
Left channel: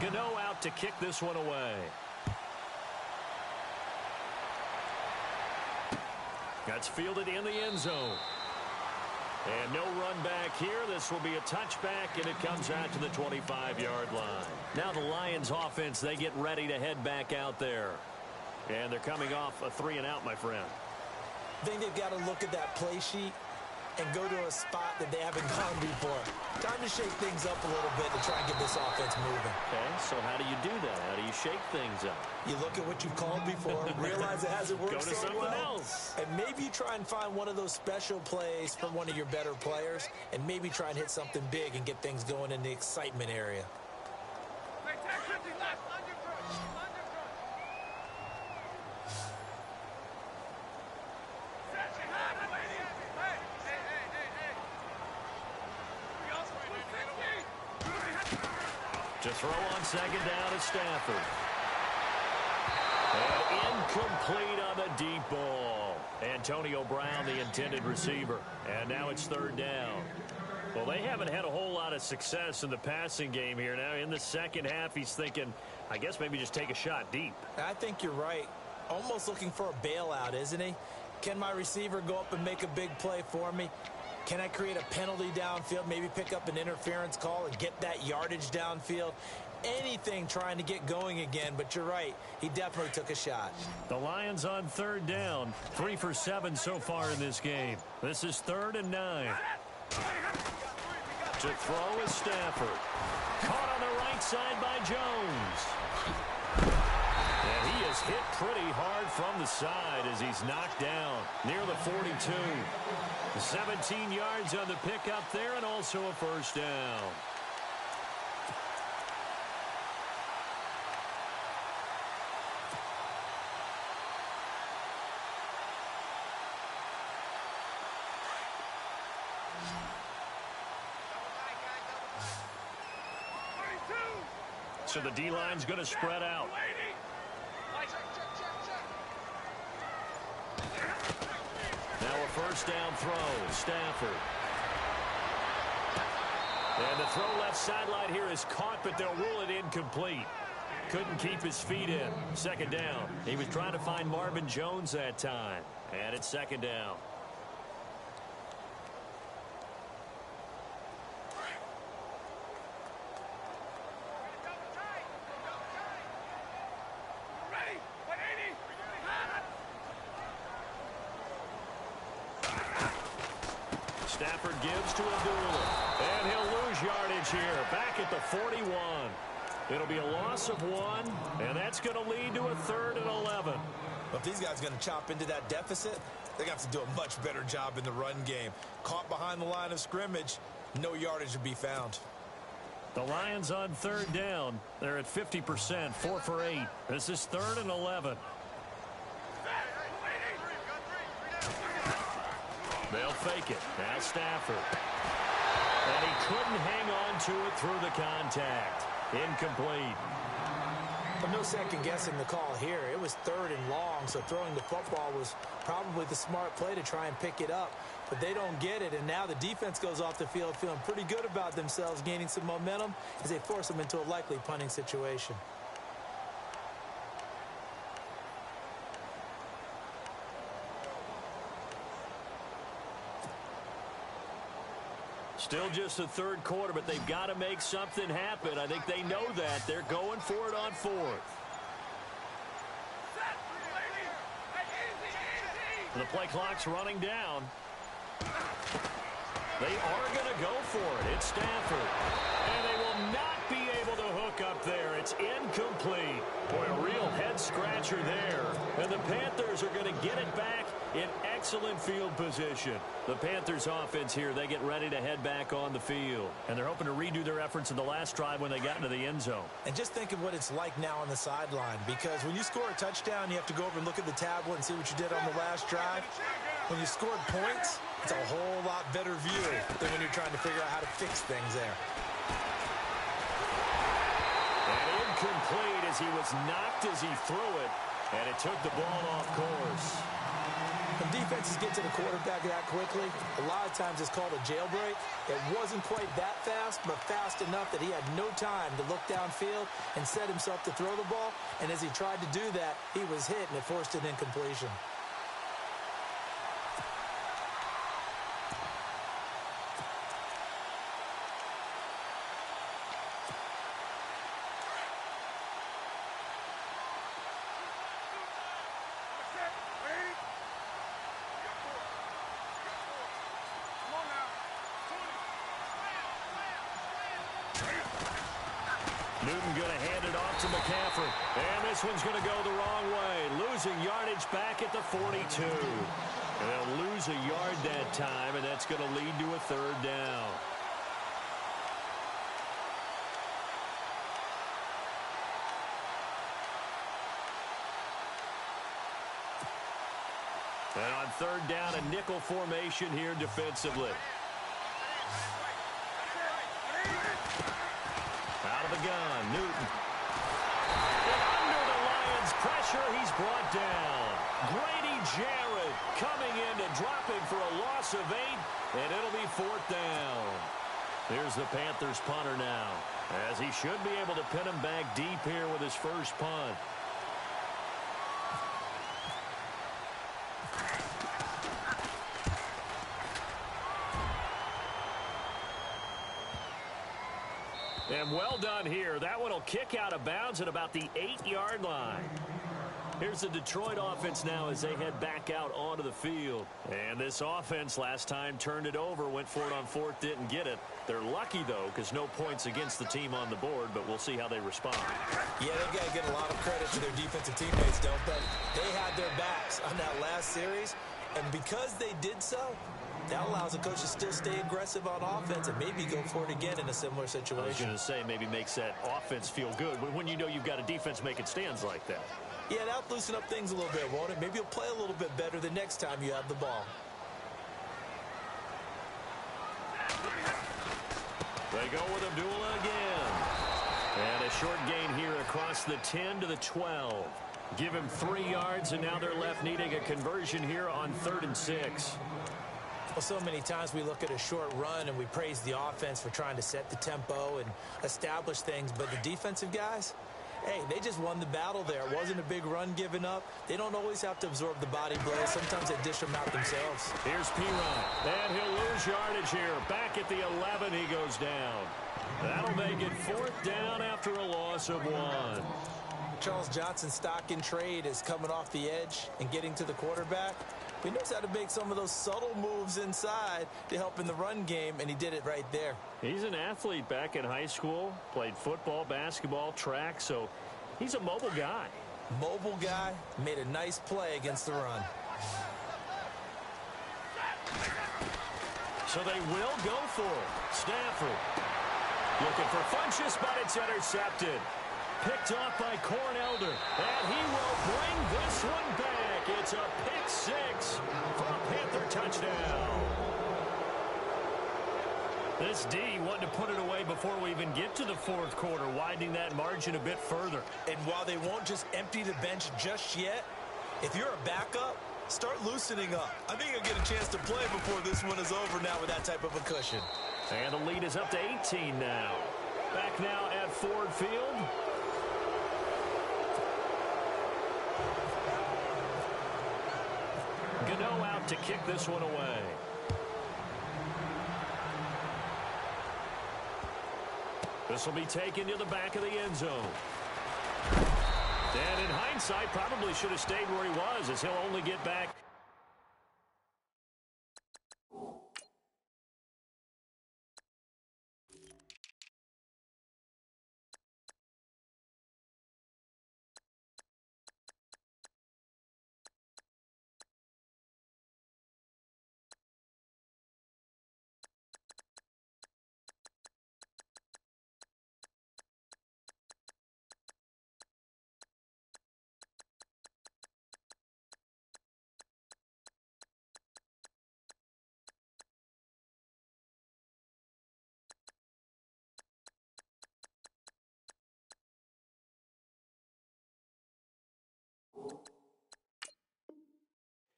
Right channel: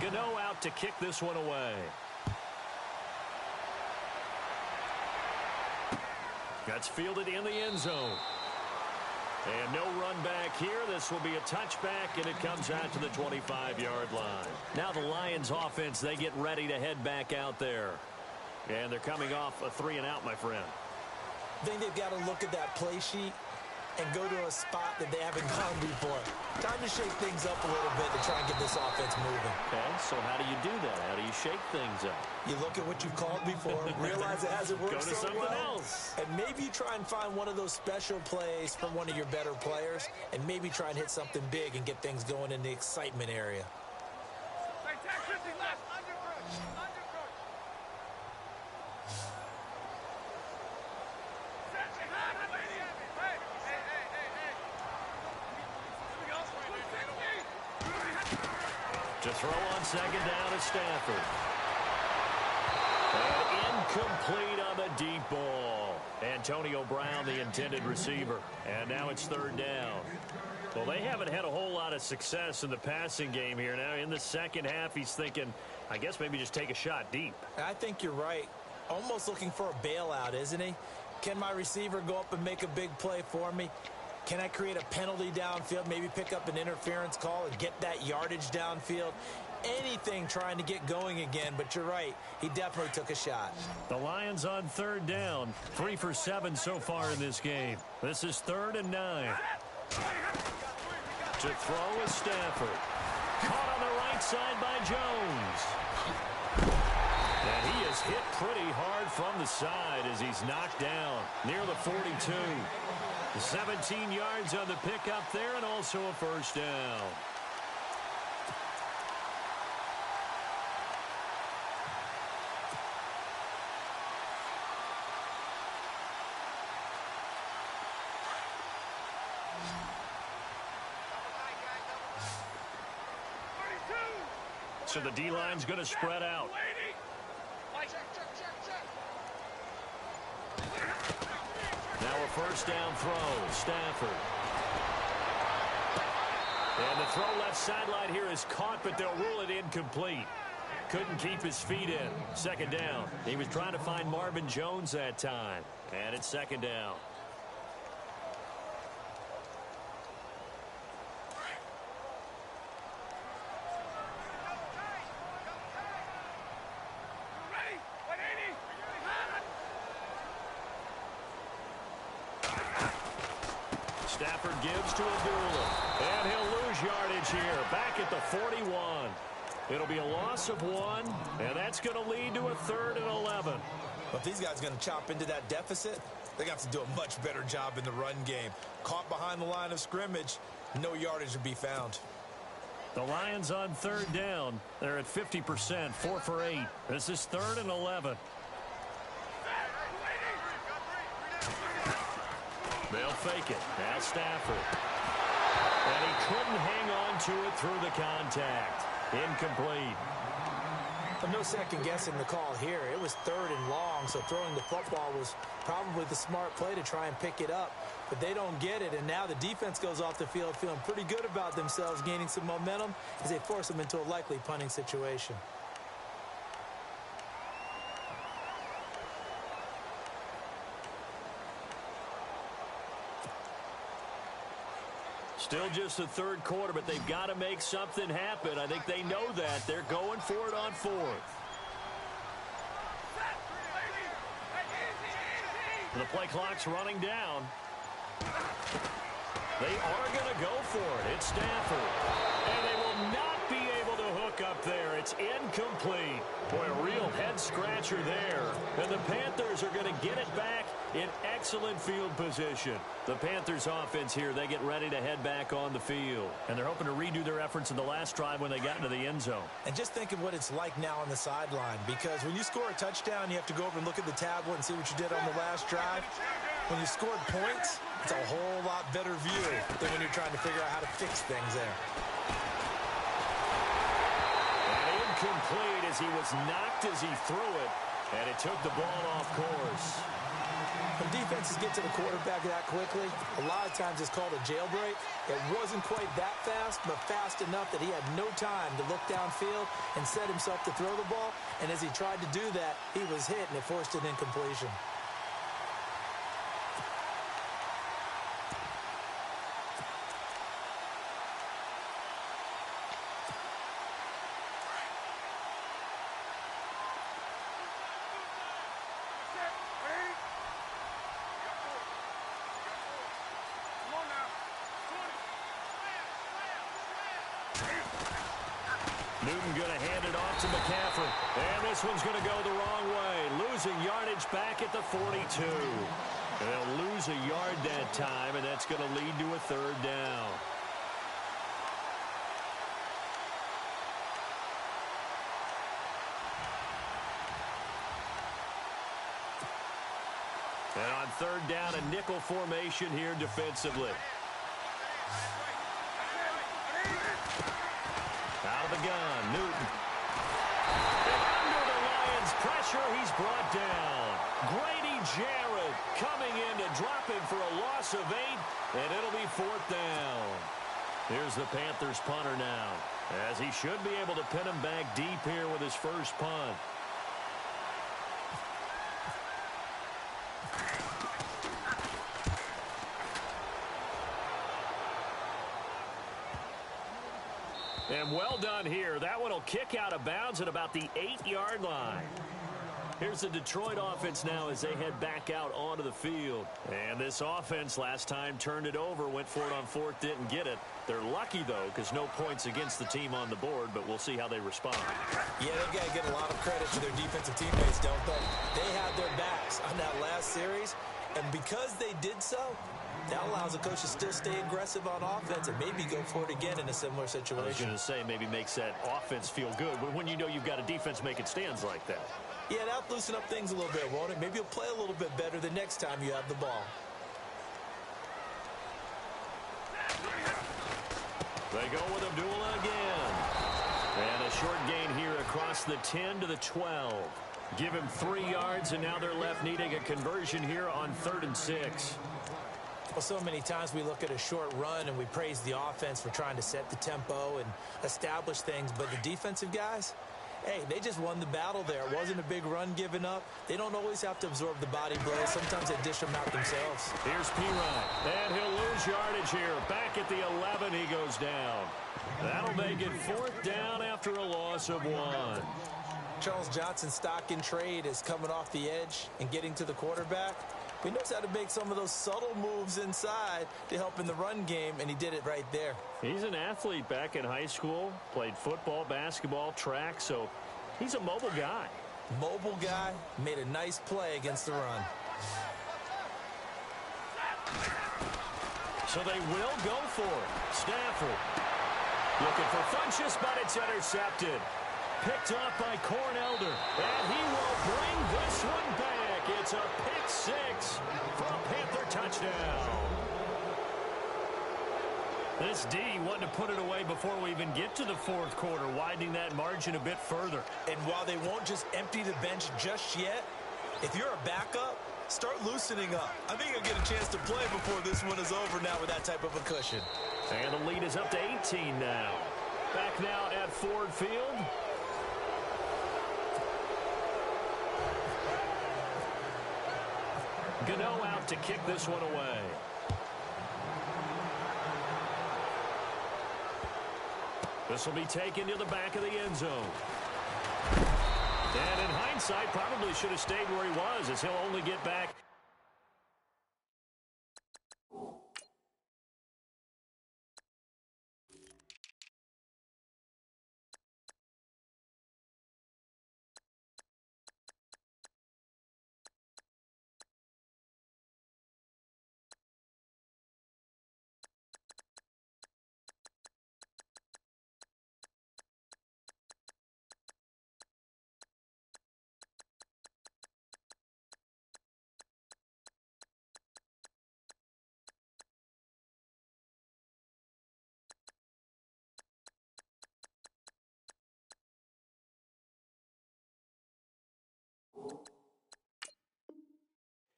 Gano out to kick this one away. That's fielded in the end zone. And no run back here. This will be a touchback, and it comes out to the 25-yard line. Now the Lions offense, they get ready to head back out there. And they're coming off a 3-and-out, my friend. I think they've got to look at that play sheet and go to a spot that they haven't gone before. Time to shake things up a little bit to try and get this offense moving. Okay, so how do you do that? How do you shake things up? You look at what you've called before, realize it hasn't worked so well. Go to something else. And maybe you try and find one of those special plays from one of your better players, and maybe try and hit something big and get things going in the excitement area. To throw on second down is Stafford. And incomplete on the deep ball. Antonio Brown, the intended receiver. And now it's third down. Well, they haven't had a whole lot of success in the passing game here. Now in the second half, he's thinking, I guess maybe just take a shot deep. I think you're right. Almost looking for a bailout, isn't he? Can my receiver go up and make a big play for me? Can I create a penalty downfield, maybe pick up an interference call and get that yardage downfield? Anything trying to get going again, but you're right. He definitely took a shot. The Lions on third down. 3 for 7 so far in this game. This is 3rd and 9. To throw is Stafford. Caught on the right side by Jones. And he is hit pretty hard from the side as he's knocked down near the 42. 17 yards on the pickup there, and also a first down. So the D-line's going to spread out. Now a first down throw. Stafford. And the throw left sideline here is caught, but they'll rule it incomplete. Couldn't keep his feet in. Second down. He was trying to find Marvin Jones that time. And it's second down. Stafford gives to Abdullah. And he'll lose yardage here. Back at the 41. It'll be a loss of 1, and that's going to lead to a 3rd and 11. Well, if these guys are going to chop into that deficit, they're going to have to do a much better job in the run game. Caught behind the line of scrimmage, no yardage to be found. The Lions on third down. They're at 50%, 4 for 8. This is 3rd and 11. They'll fake it. Now Stafford. And he couldn't hang on to it through the contact. Incomplete. But no second guessing the call here. It was 3rd and long, so throwing the football was probably the smart play to try and pick it up. But they don't get it, and now the defense goes off the field feeling pretty good about themselves, gaining some momentum as they force them into a likely punting situation. Still just the third quarter, but they've got to make something happen. I think they know that. They're going for it on fourth. The play clock's running down. They are going to go for it. It's Stafford. And they will not be able to hook up there. It's incomplete. Boy, a real head-scratcher there. And the Panthers are going to get it back in excellent field position. The Panthers offense here, they get ready to head back on the field. And they're hoping to redo their efforts in the last drive when they got into the end zone. And just think of what it's like now on the sideline, because when you score a touchdown, you have to go over and look at the tablet and see what you did on the last drive. When you scored points, it's a whole lot better view than when you're trying to figure out how to fix things there. And incomplete as he was knocked as he threw it, and it took the ball off course. When defenses get to the quarterback that quickly, a lot of times it's called a jailbreak. It wasn't quite that fast, but fast enough that he had no time to look downfield and set himself to throw the ball. And as he tried to do that, he was hit, and it forced an incompletion. Newton going to hand it off to McCaffrey. And this one's going to go the wrong way. Losing yardage back at the 42. And they'll lose a yard that time, and that's going to lead to a third down. And on third down, a nickel formation here defensively. Out of the gun, Newton. And under the Lions' pressure, he's brought down. Grady Jarrett coming in to drop him for a loss of 8, and it'll be fourth down. Here's the Panthers punter now, as he should be able to pin him back deep here with his first punt. And well done here. That one will kick out of bounds at about the 8-yard line. Here's the Detroit offense now as they head back out onto the field. And this offense last time turned it over, went for it on fourth, didn't get it. They're lucky, though, because no points against the team on the board, but we'll see how they respond. Yeah, they've got to get a lot of credit to their defensive teammates, don't they? They had their backs on that last series, and because they did so, that allows the coach to still stay aggressive on offense and maybe go for it again in a similar situation. I was going to say maybe makes that offense feel good when you know you've got a defense making stands like that. Yeah, that'll loosen up things a little bit, won't it? Maybe you'll play a little bit better the next time you have the ball. They go with Abdullah again. And a short gain here across the 10 to the 12. Give him 3 yards, and now they're left needing a conversion here on 3rd and 6. Well, so many times we look at a short run and we praise the offense for trying to set the tempo and establish things, but the defensive guys, hey, they just won the battle there. It wasn't a big run given up. They don't always have to absorb the body blows. Sometimes they dish them out themselves. Here's Pirine, and he'll lose yardage here. Back at the 11, he goes down. That'll make it 4th down after a loss of 1. Charles Johnson's stock in trade is coming off the edge and getting to the quarterback. He knows how to make some of those subtle moves inside to help in the run game, and he did it right there. He's an athlete back in high school, played football, basketball, track, so he's a mobile guy. Mobile guy, made a nice play against the run. So they will go for it. Stafford looking for Funchess, but it's intercepted. Picked off by Cornelder, and he will bring this one back. It's a pick 6 for a Panther touchdown. This D wanted to put it away before we even get to the 4th quarter, widening that margin a bit further. And while they won't just empty the bench just yet, if you're a backup, start loosening up. I think you'll get a chance to play before this one is over now with that type of a cushion. And the lead is up to 18 now. Back now at Ford Field. Gano out to kick this one away. This will be taken to the back of the end zone. And in hindsight, probably should have stayed where he was, as he'll only get back.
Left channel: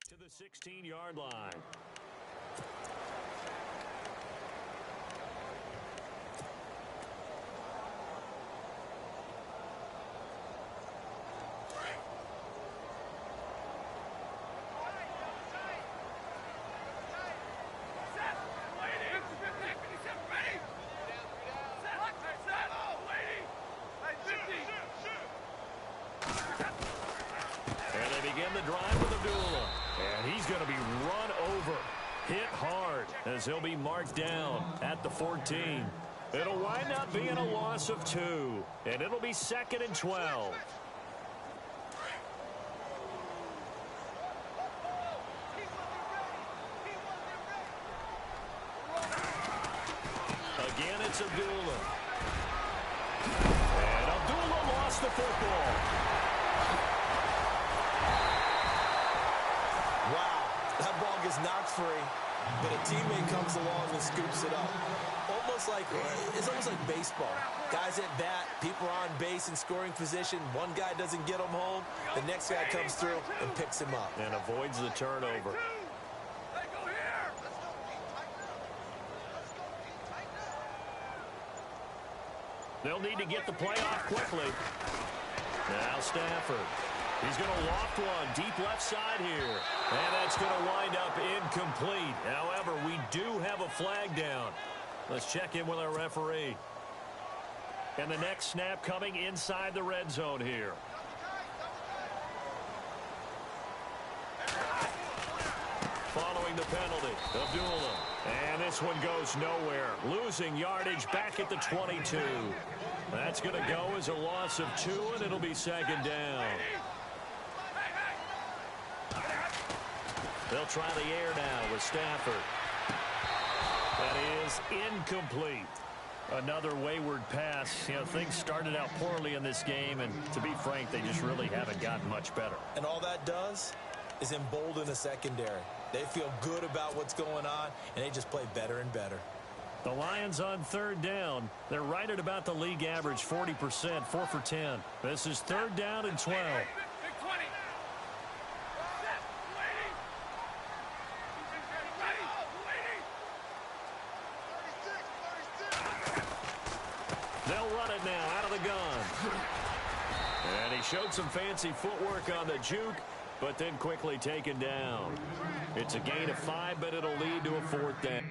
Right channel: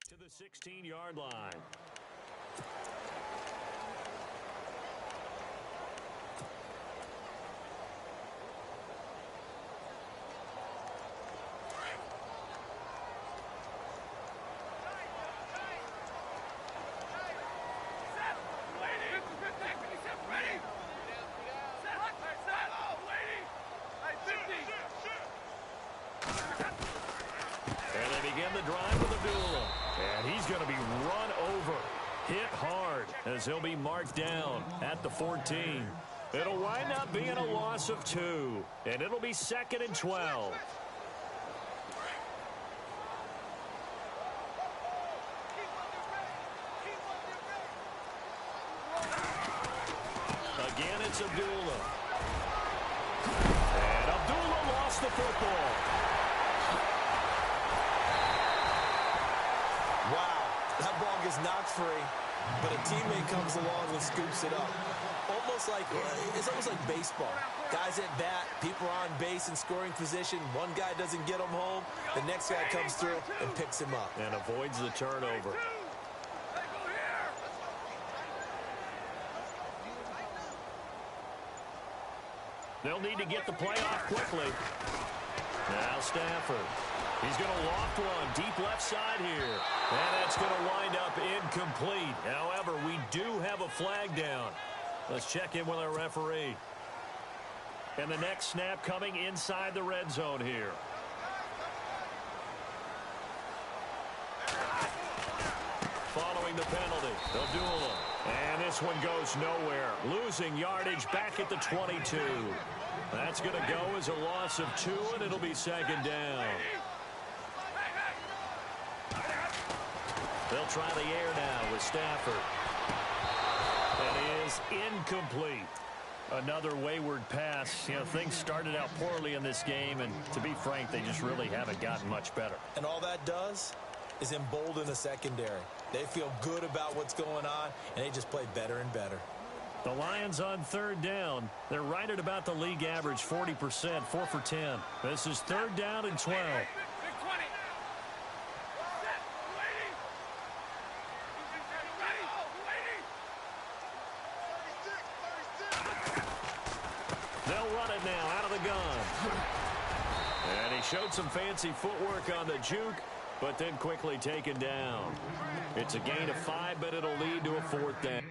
To the 16-yard line. And they begin the drive with Abdullah. And he's going to be run over, hit hard, as he'll be marked down at the 14. It'll wind up being a loss of 2, and it'll be 2nd and 12. Again, it's Abdullah. And Abdullah lost the football. Wow, that ball gets knocked free, but a teammate comes along and scoops it up. It's almost like baseball. Guys at bat, people are on base in scoring position. One guy doesn't get him home. The next guy comes through and picks him up. And avoids the turnover. They'll need to get the play off quickly. Now Stafford. He's going to loft one deep left side here. And that's going to wind up incomplete. However, we do have a flag down. Let's check in with our referee. And the next snap coming inside the red zone here. Following the penalty, Abdullah. And this one goes nowhere. Losing yardage back at the 22. That's going to go as a loss of 2, and it'll be 2nd down. They'll try the air now with Stafford. That is incomplete. Another wayward pass. You know, things started out poorly in this game, and to be frank, they just really haven't gotten much better. And all that does is embolden the secondary. They feel good about what's going on, and they just play better and better. The Lions on 3rd down. They're right at about the league average, 40%, 4 for 10. This is 3rd down and 12. They'll run it now out of the gun. And he showed some fancy footwork on the juke, but then quickly taken down. It's a gain of 5, but it'll lead to a 4th down.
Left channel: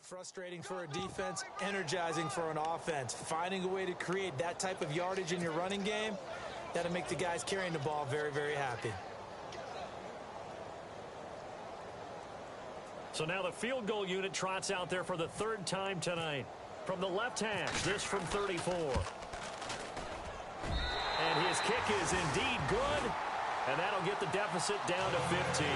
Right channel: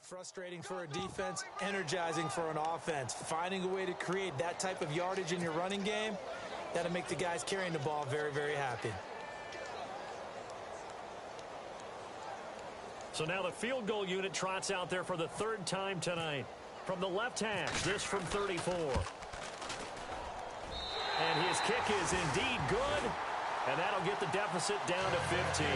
Frustrating for a defense, energizing for an offense. Finding a way to create that type of yardage in your running game, that'll make the guys carrying the ball very, very happy. So now the field goal unit trots out there for the 3rd time tonight. From the left hash, this from 34. And his kick is indeed good, and that'll get the deficit down to 15.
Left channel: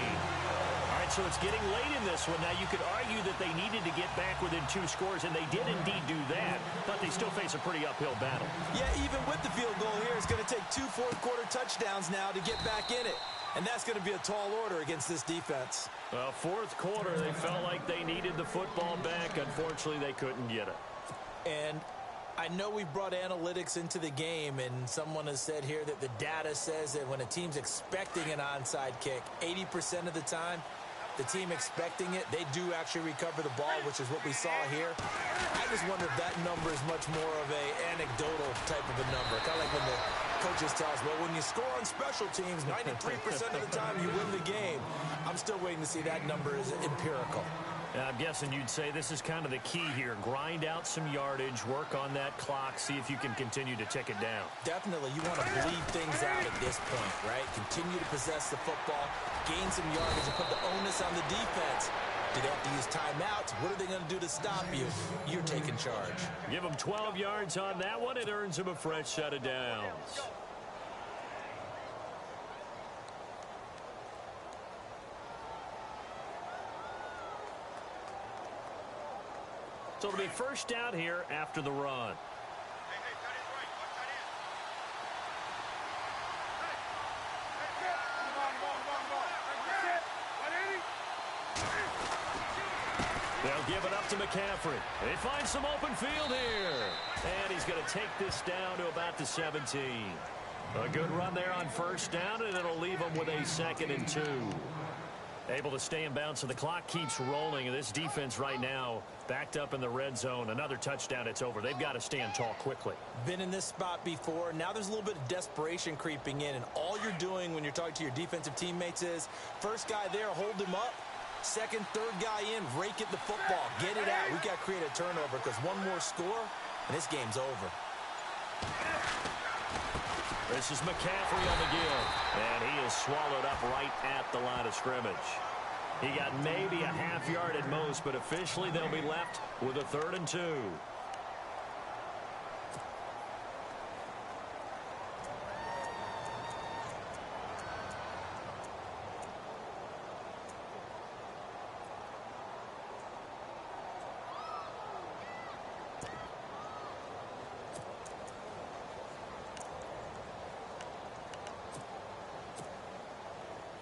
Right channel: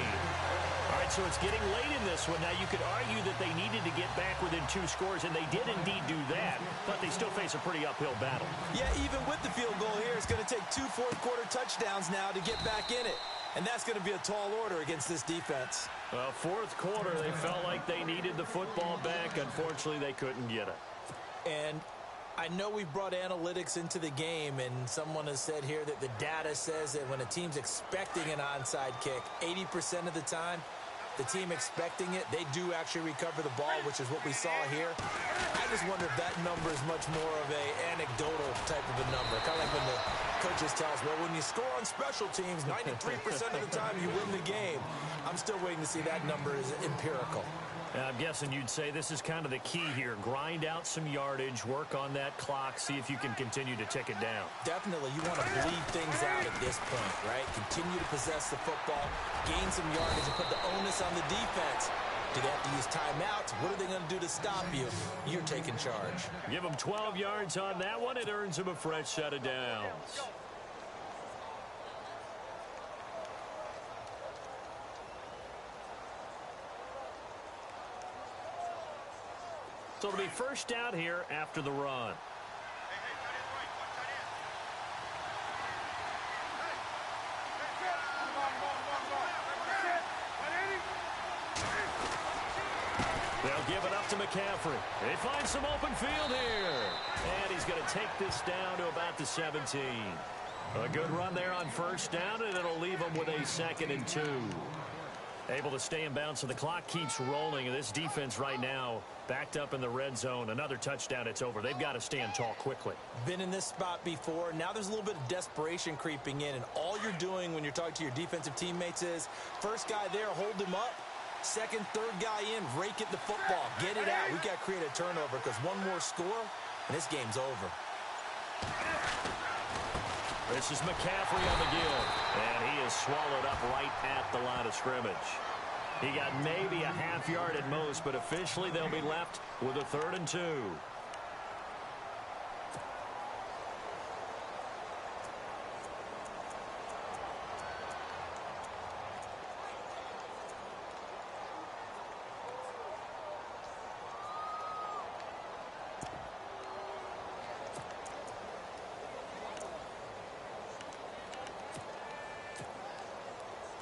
All right, so it's getting late in this one. Now, you could argue that they needed to get back within 2 scores, and they did indeed do that, but they still face a pretty uphill battle. Yeah, even with the field goal here, it's going to take 2 fourth-quarter touchdowns now to get back in it. And that's going to be a tall order against this defense. Well, 4th quarter, they felt like they needed the football back. Unfortunately, they couldn't get it. And I know we brought analytics into the game, and someone has said here that the data says that when a team's expecting an onside kick, 80% of the time, the team expecting it, they do actually recover the ball, which is what we saw here. I just wonder if that number is much more of a anecdotal type of a number, kind of like when the coaches tell us, well, when you score on special teams, 93% of the time you win the game. I'm still waiting to see that number is empirical. I'm guessing you'd say this is kind of the key here. Grind out some yardage, work on that clock, see if you can continue to tick it down. Definitely. You want to bleed things out at this point, right? Continue to possess the football, gain some yardage, and put the onus on the defense. Do they have to use timeouts? What are they going to do to stop you? You're taking charge. Give them 12 yards on that one. It earns them a fresh set of downs. So it'll be first down here after the run. They'll give it up to McCaffrey. They find some open field here. And he's going to take this down to about the 17. A good run there on first down, and it'll leave them with a 2nd and 2. Able to stay in bounds, so the clock keeps rolling. And this defense right now backed up in the red zone. Another touchdown, it's over. They've got to stand tall quickly. Been in this spot before. Now there's a little bit of desperation creeping in. And all you're doing when you're talking to your defensive teammates is, first guy there, hold him up. Second, third guy in, rake at the football. Get it out. We've got to create a turnover because one more score, and this game's over. This is McCaffrey on the give, and he is swallowed up right at the line of scrimmage. He got maybe a half yard at most, but officially they'll be left with a 3rd and 2.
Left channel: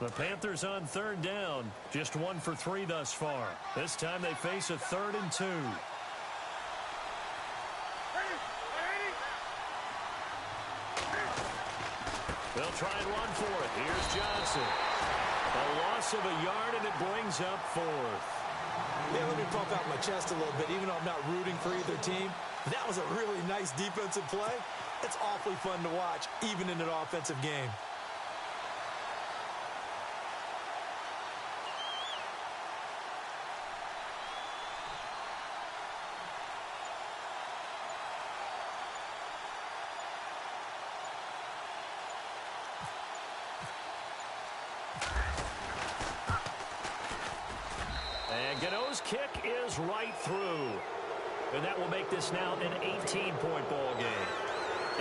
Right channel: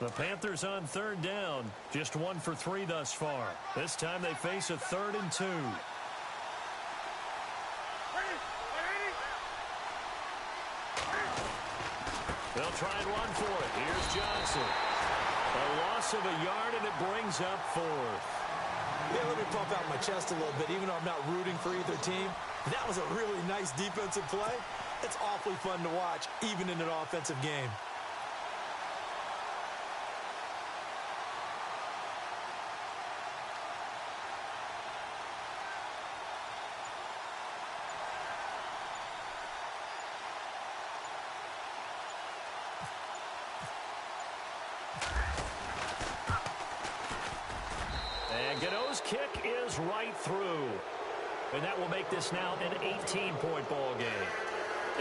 The Panthers on 3rd down. Just 1 for 3 thus far. This time they face a 3rd and 2. They'll try and run for it. Here's Johnson. A loss of a yard, and it brings up 4th. Yeah, let me pump out my chest a little bit, even though I'm not rooting for either team. That was a really nice defensive play. It's awfully fun to watch, even in an offensive game. And Gano's kick is right through. And that will make this now an 18-point ball game.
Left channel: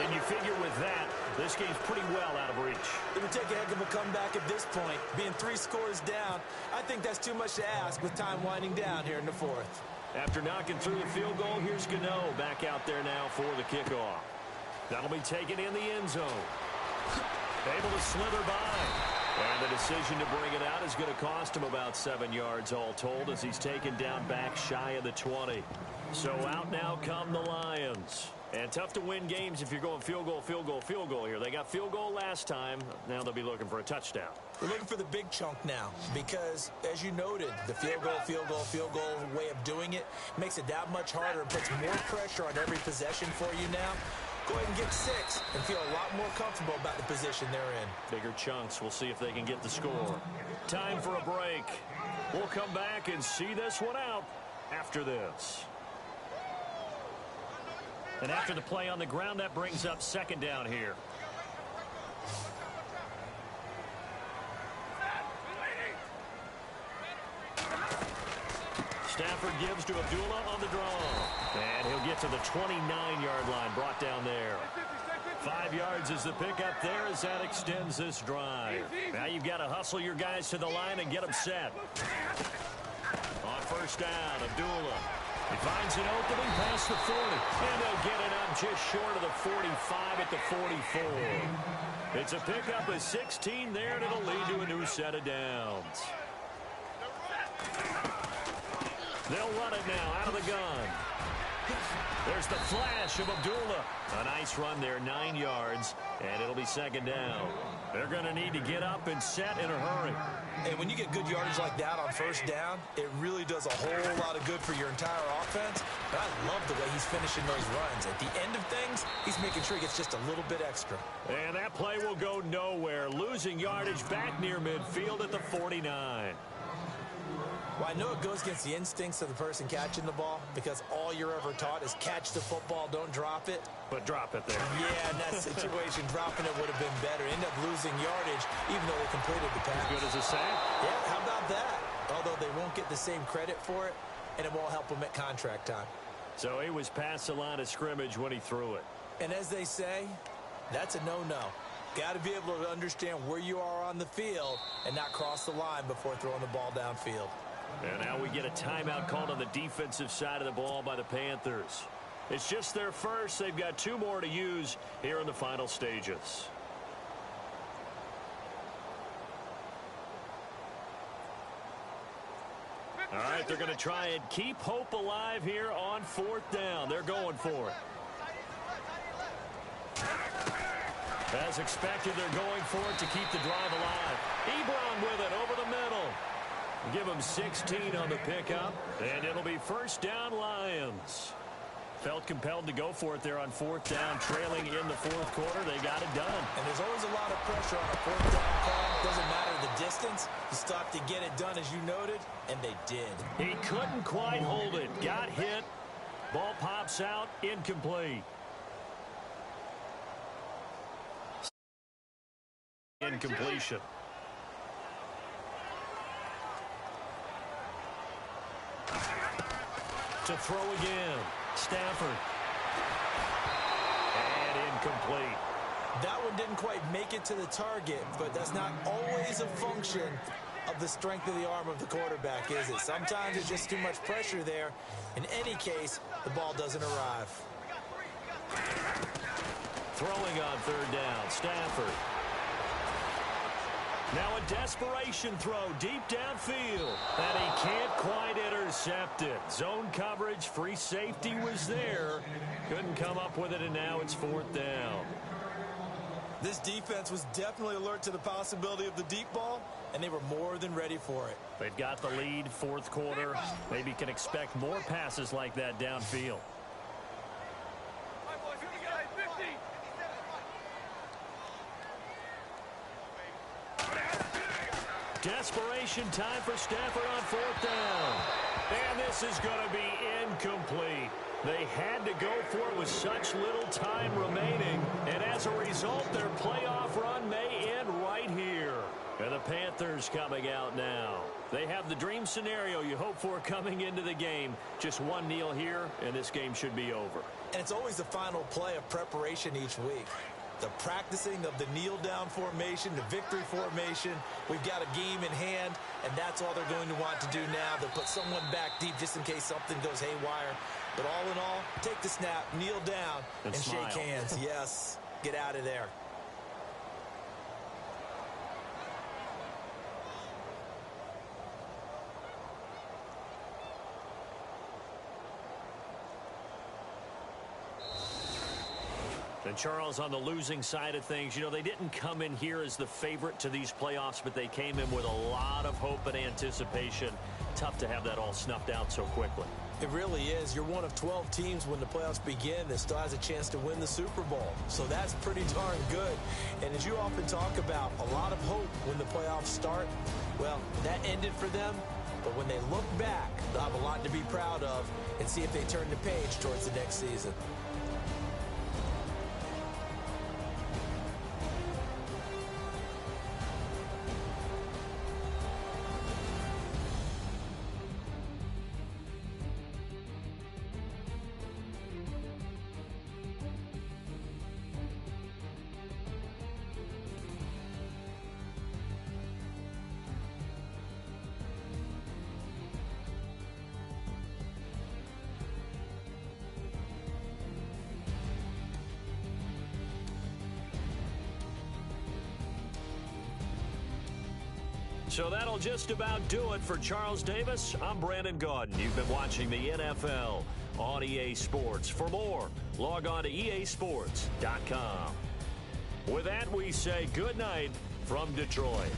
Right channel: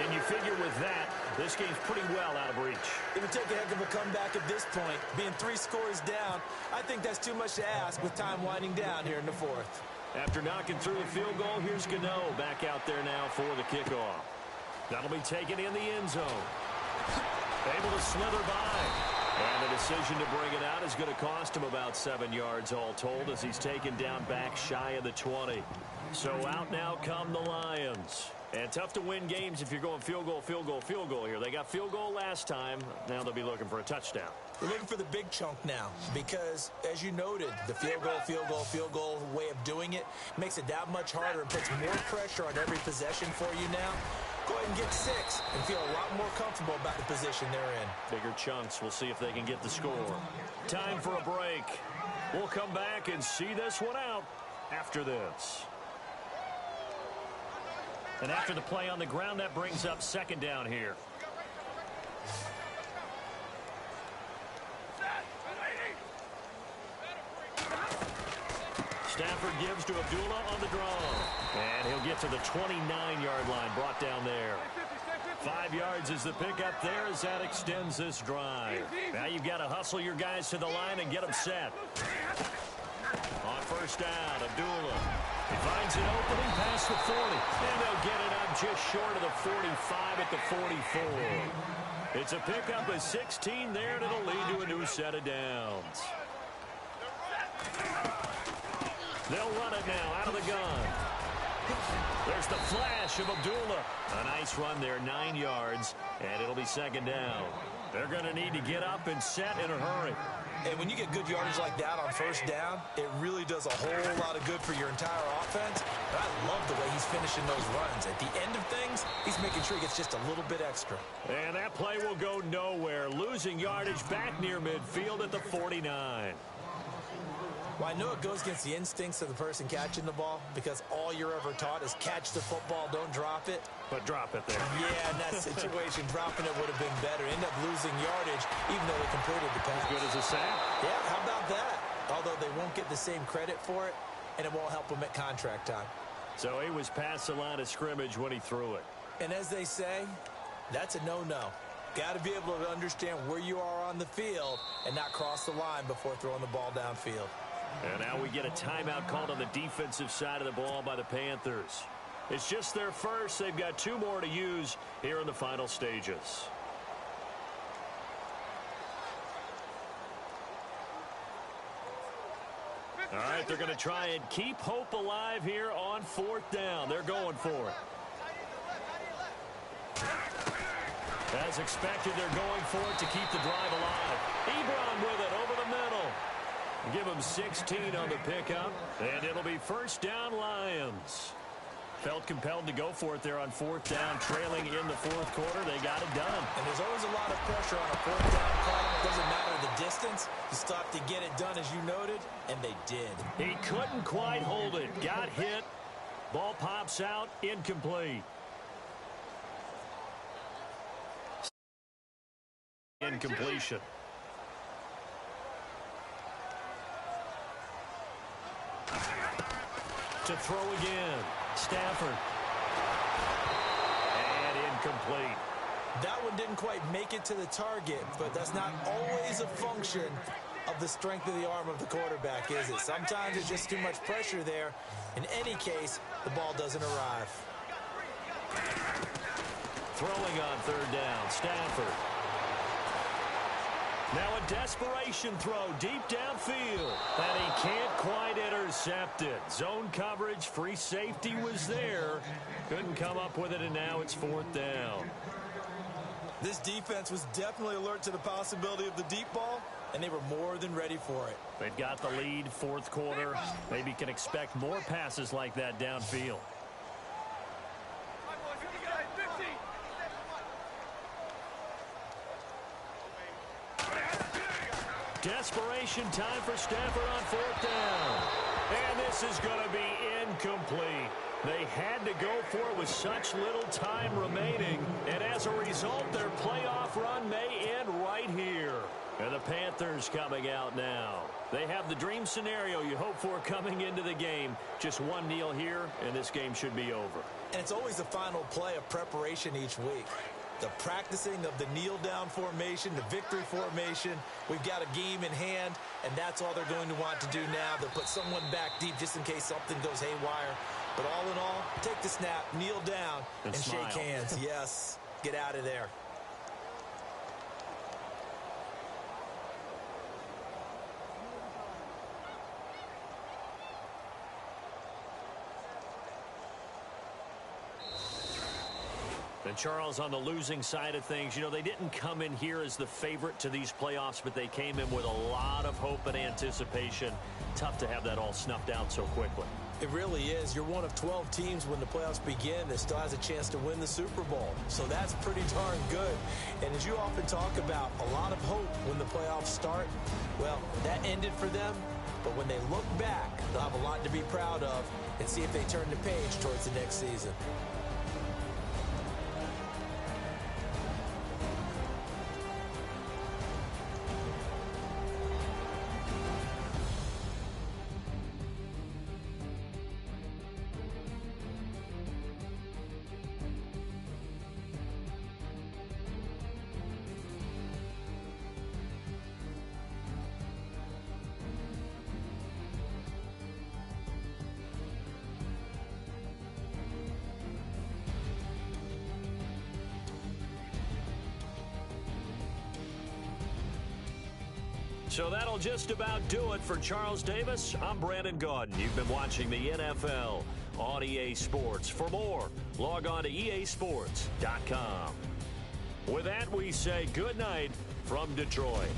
And you figure with that, this game's pretty well out of reach. It would take a heck of a comeback at this point. Being 3 scores down, I think that's too much to ask with time winding down here in the 4th. After knocking through the field goal, here's Gano back out there now for the kickoff. That'll be taken in the end zone. Able to slither by. And the decision to bring it out is going to cost him about 7 yards all told as he's taken down back shy of the 20. So out now come the Lions. And tough to win games if you're going field goal, field goal, field goal here. They got field goal last time. Now they'll be looking for a touchdown. We're looking for the big chunk now because, as you noted, the field goal, field goal, field goal way of doing it makes it that much harder and puts more pressure on every possession for you now. Go ahead and get 6 and feel a lot more comfortable about the position they're in. Bigger chunks. We'll see if they can get the score. Time for a break. We'll come back and see this one out after this. And after the play on the ground, that brings up 2nd down here. Stafford gives to Abdullah on the draw. And he'll get to the 29-yard line, brought down there. 5 yards is the pickup there as that extends this drive. Now you've got to hustle your guys to the line and get them set. On first down, Abdullah. He finds an opening past the 40. And they'll get it up just short of the 45 at the 44. It's a pickup of 16 there, and it'll lead to a new set of downs. They'll run it now out of the gun. There's the flash of Abdullah. A nice run there, 9 yards, and it'll be 2nd down. They're going to need to get up and set in a hurry. And when you get good yardage like that on first down, it really does a whole lot of good for your entire offense. But I love the way he's finishing those runs. At the end of things, he's making sure he gets just a little bit extra. And that play will go nowhere, losing yardage back near midfield at the 49. Well, I know it goes against the instincts of the person catching the ball because all you're ever taught is catch the football, don't drop it. But drop it there. Yeah, in that situation, dropping it would have been better. End up losing yardage, even though they completed the pass. As good as a sack. Yeah, how about that? Although they won't get the same credit for it, and it won't help them at contract time. So he was past the line of scrimmage when he threw it. And as they say, that's a no-no. Got to be able to understand where you are on the field and not cross the line before throwing the ball downfield. And now we get a timeout called on the defensive side of the ball by the Panthers. It's just their first. They've got 2 more to use here in the final stages. All right, they're going to try and keep hope alive here on 4th down. They're going for it. As expected, they're going for it to keep the drive alive. Ebron with it over the middle. Give them 16 on the pickup, and it'll be first down Lions. Felt compelled to go for it there on 4th down, trailing in the 4th quarter. They got it done. And there's always a lot of pressure on a 4th down call. Doesn't matter the distance. You stop to get it done, as you noted, and they did. He couldn't quite hold it. Got hit. Ball pops out, incomplete. Incompletion. To throw again. Stafford. And incomplete. That one didn't quite make it to the target, but that's not always a function of the strength of the arm of the quarterback, is it? Sometimes it's just too much pressure there. In any case, the ball doesn't arrive. Throwing on 3rd down. Stafford. Now a desperation throw deep downfield. And he can't quite intercept it. Zone coverage, free safety was there. Couldn't come up with it, and now it's 4th down. This defense was definitely alert to the possibility of the deep ball, and they were more than ready for it. They've got the lead, 4th quarter. Maybe can expect more passes like that downfield. Desperation time for Stafford on 4th down. And this is going to be incomplete. They had to go for it with such little time remaining. And as a result, their playoff run may end right here. And the Panthers coming out now. They have the dream scenario you hope for coming into the game. Just one kneel here, and this game should be over. And it's always the final play of preparation each week. The practicing of the kneel-down formation, the victory formation. We've got a game in hand, and that's all they're going to want to do now. They'll put someone back deep just in case something goes haywire. But all in all, take the snap, kneel down, and smile. shake hands. Yes, get out of there. And Charles, on the losing side of things, you know, they didn't come in here as the favorite to these playoffs, but they came in with a lot of hope and anticipation. Tough to have that all snuffed out so quickly. It really is. You're one of 12 teams when the playoffs begin that still has a chance to win the Super Bowl. So that's pretty darn good. And as you often talk about, a lot of hope when the playoffs start. Well, that ended for them. But when they look back, they'll have a lot to be proud of and see if they turn the page towards the next season. So that'll just about do it for Charles Davis. I'm Brandon Gaudin. You've been watching the NFL on EA Sports. For more, log on to easports.com. With that, we say good night from Detroit.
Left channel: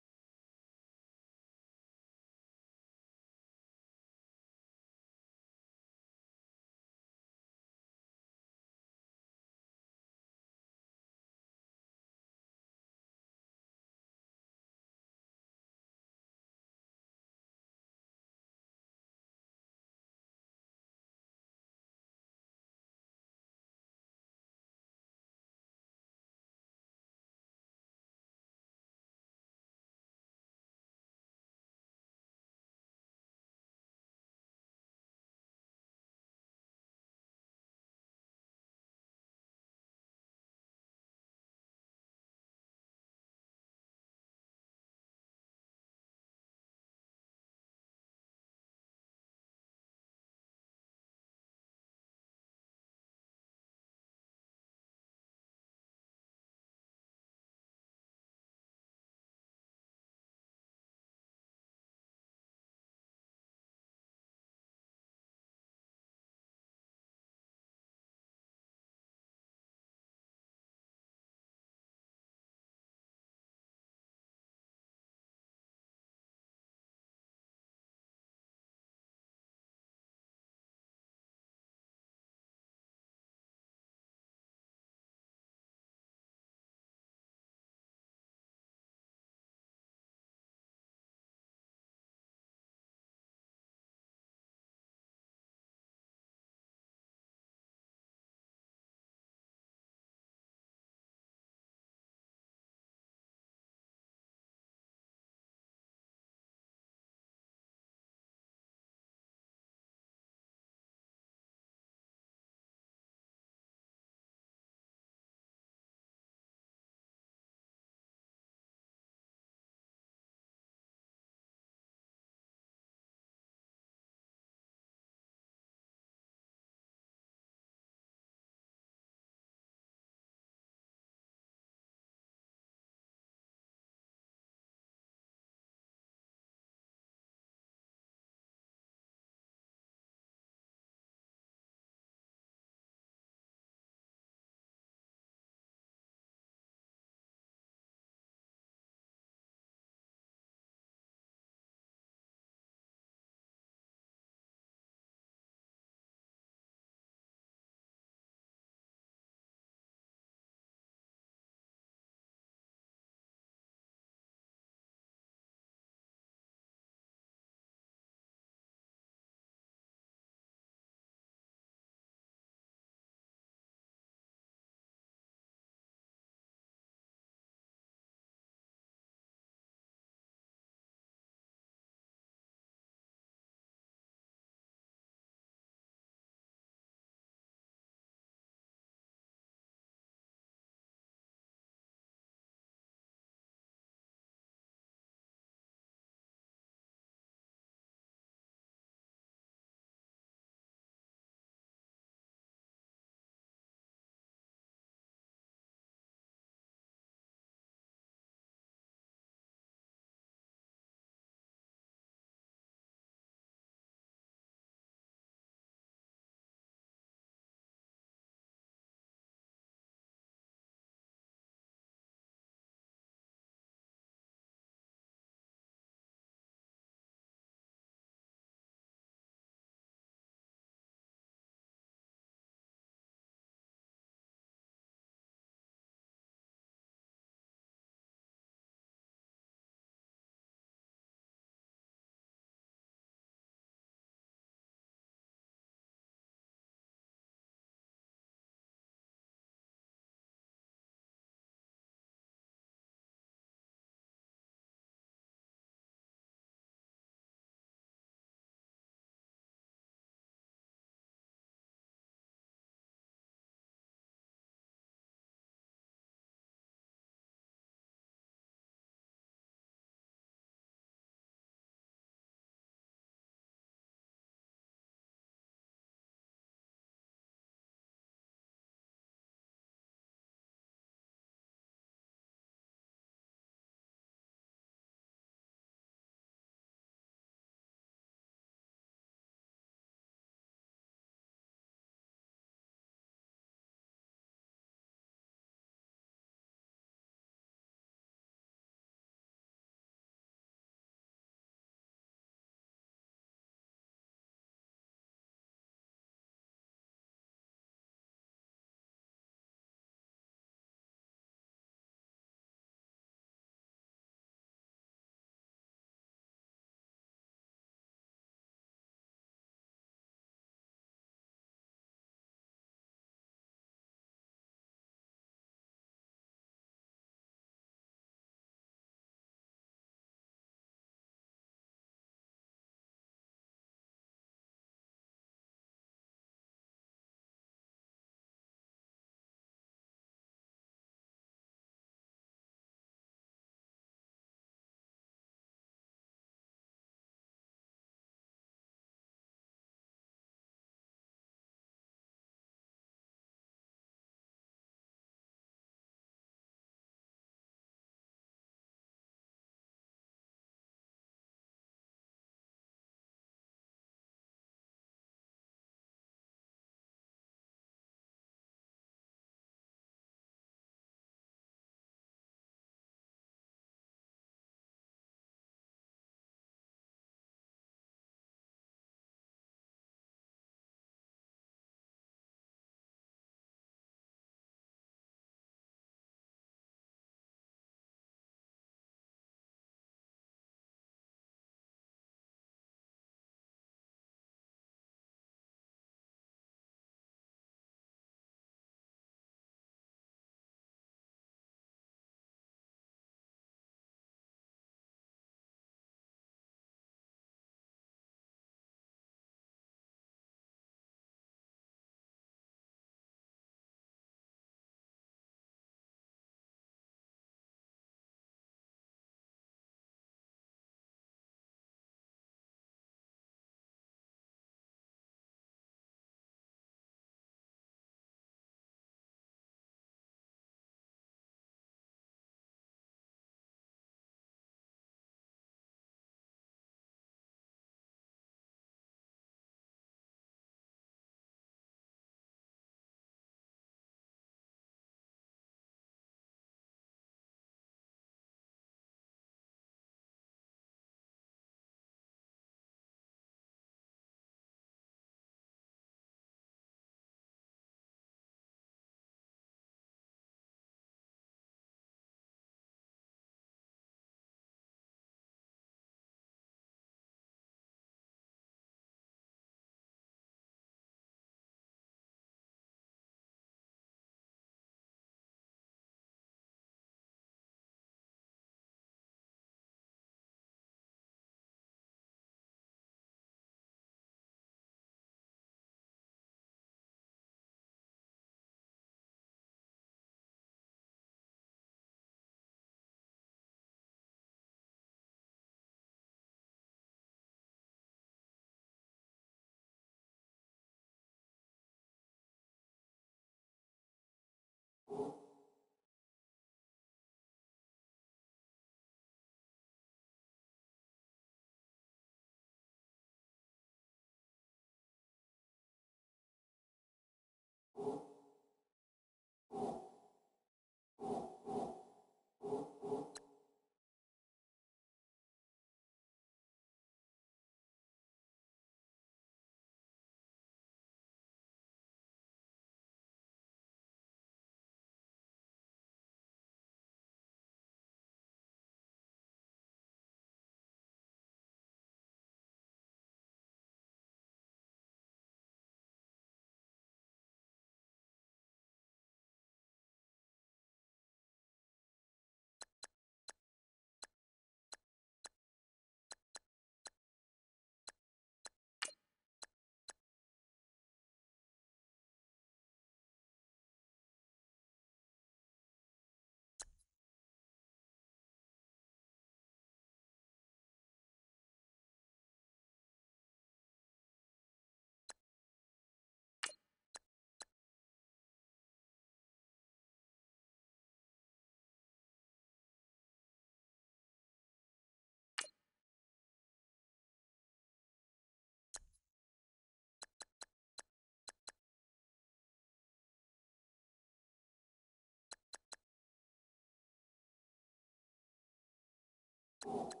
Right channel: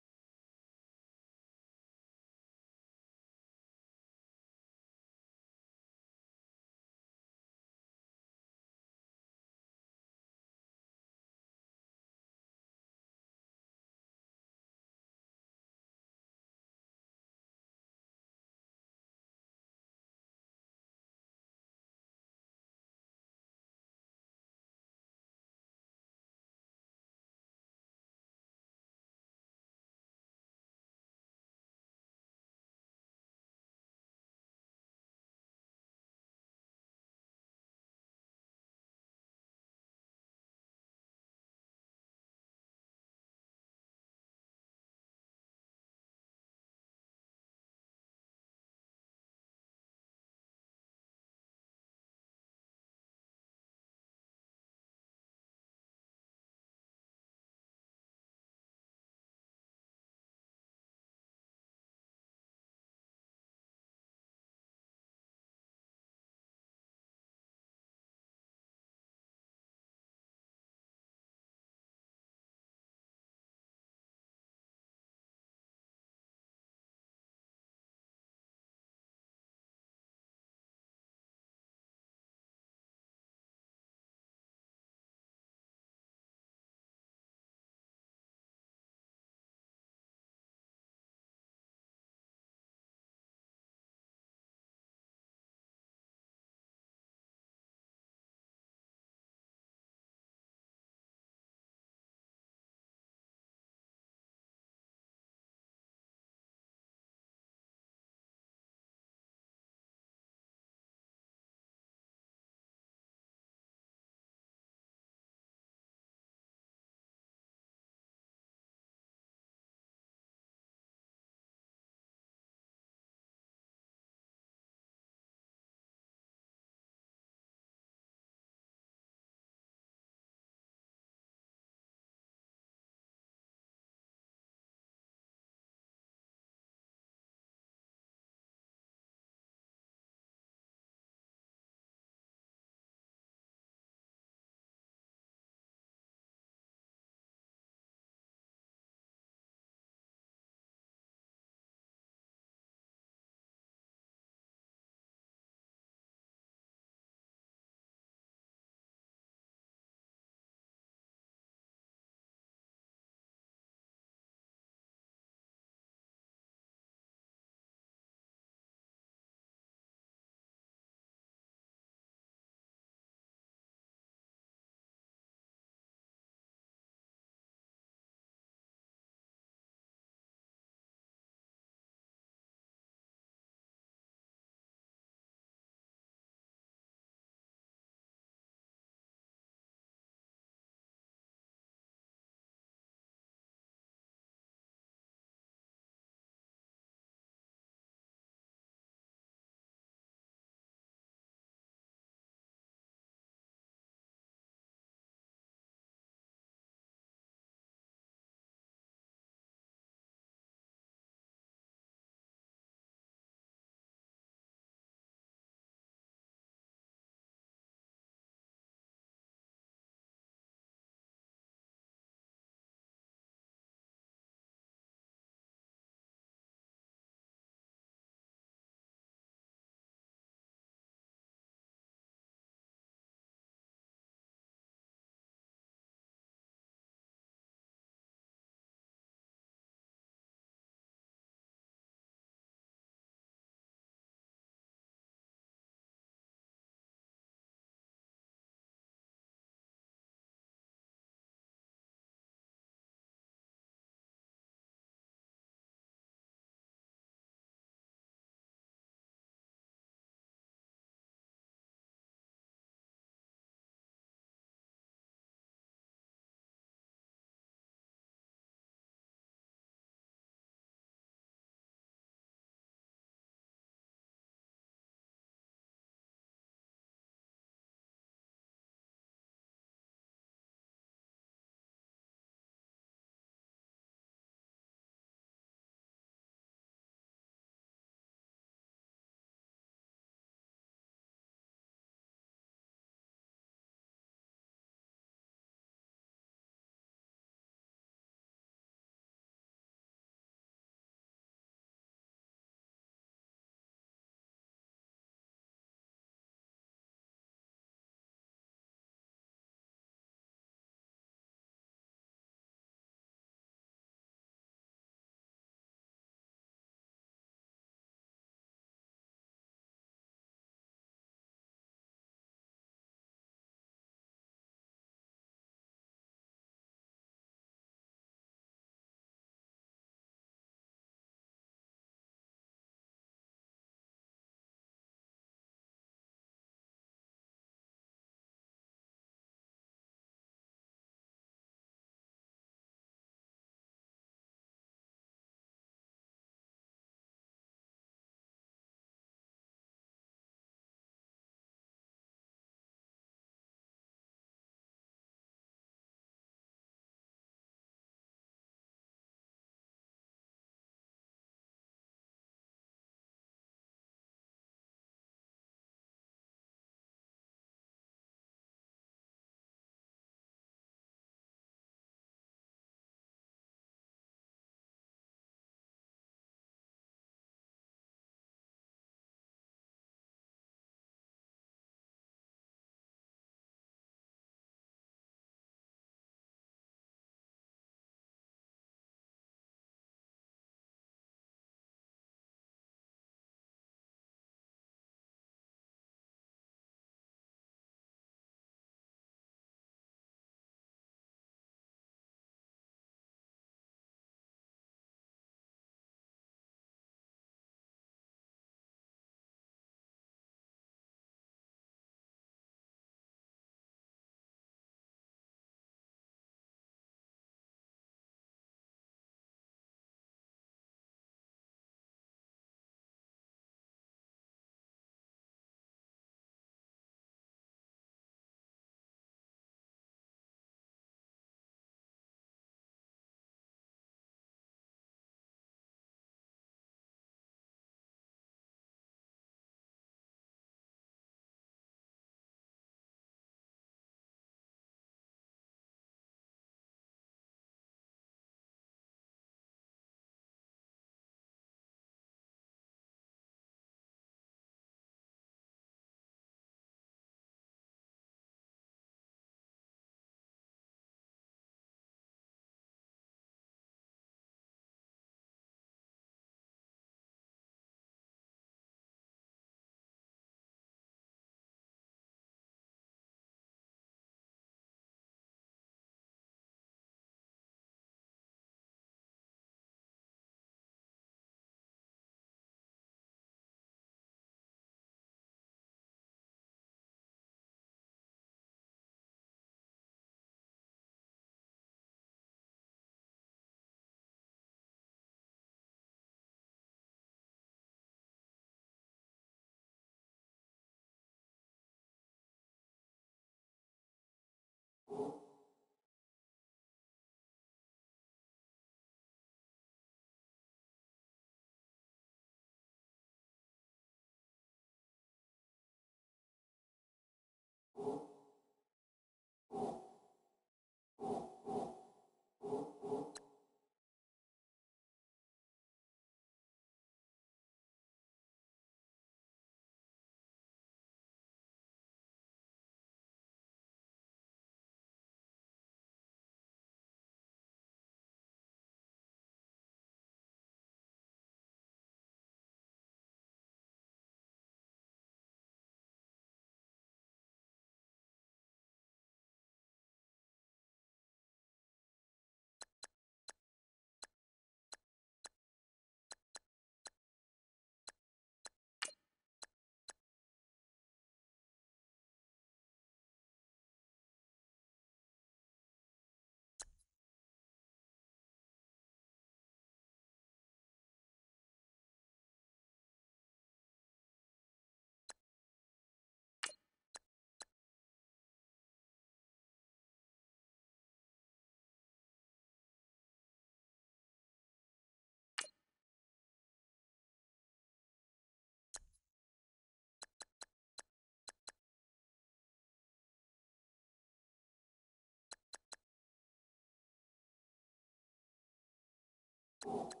you.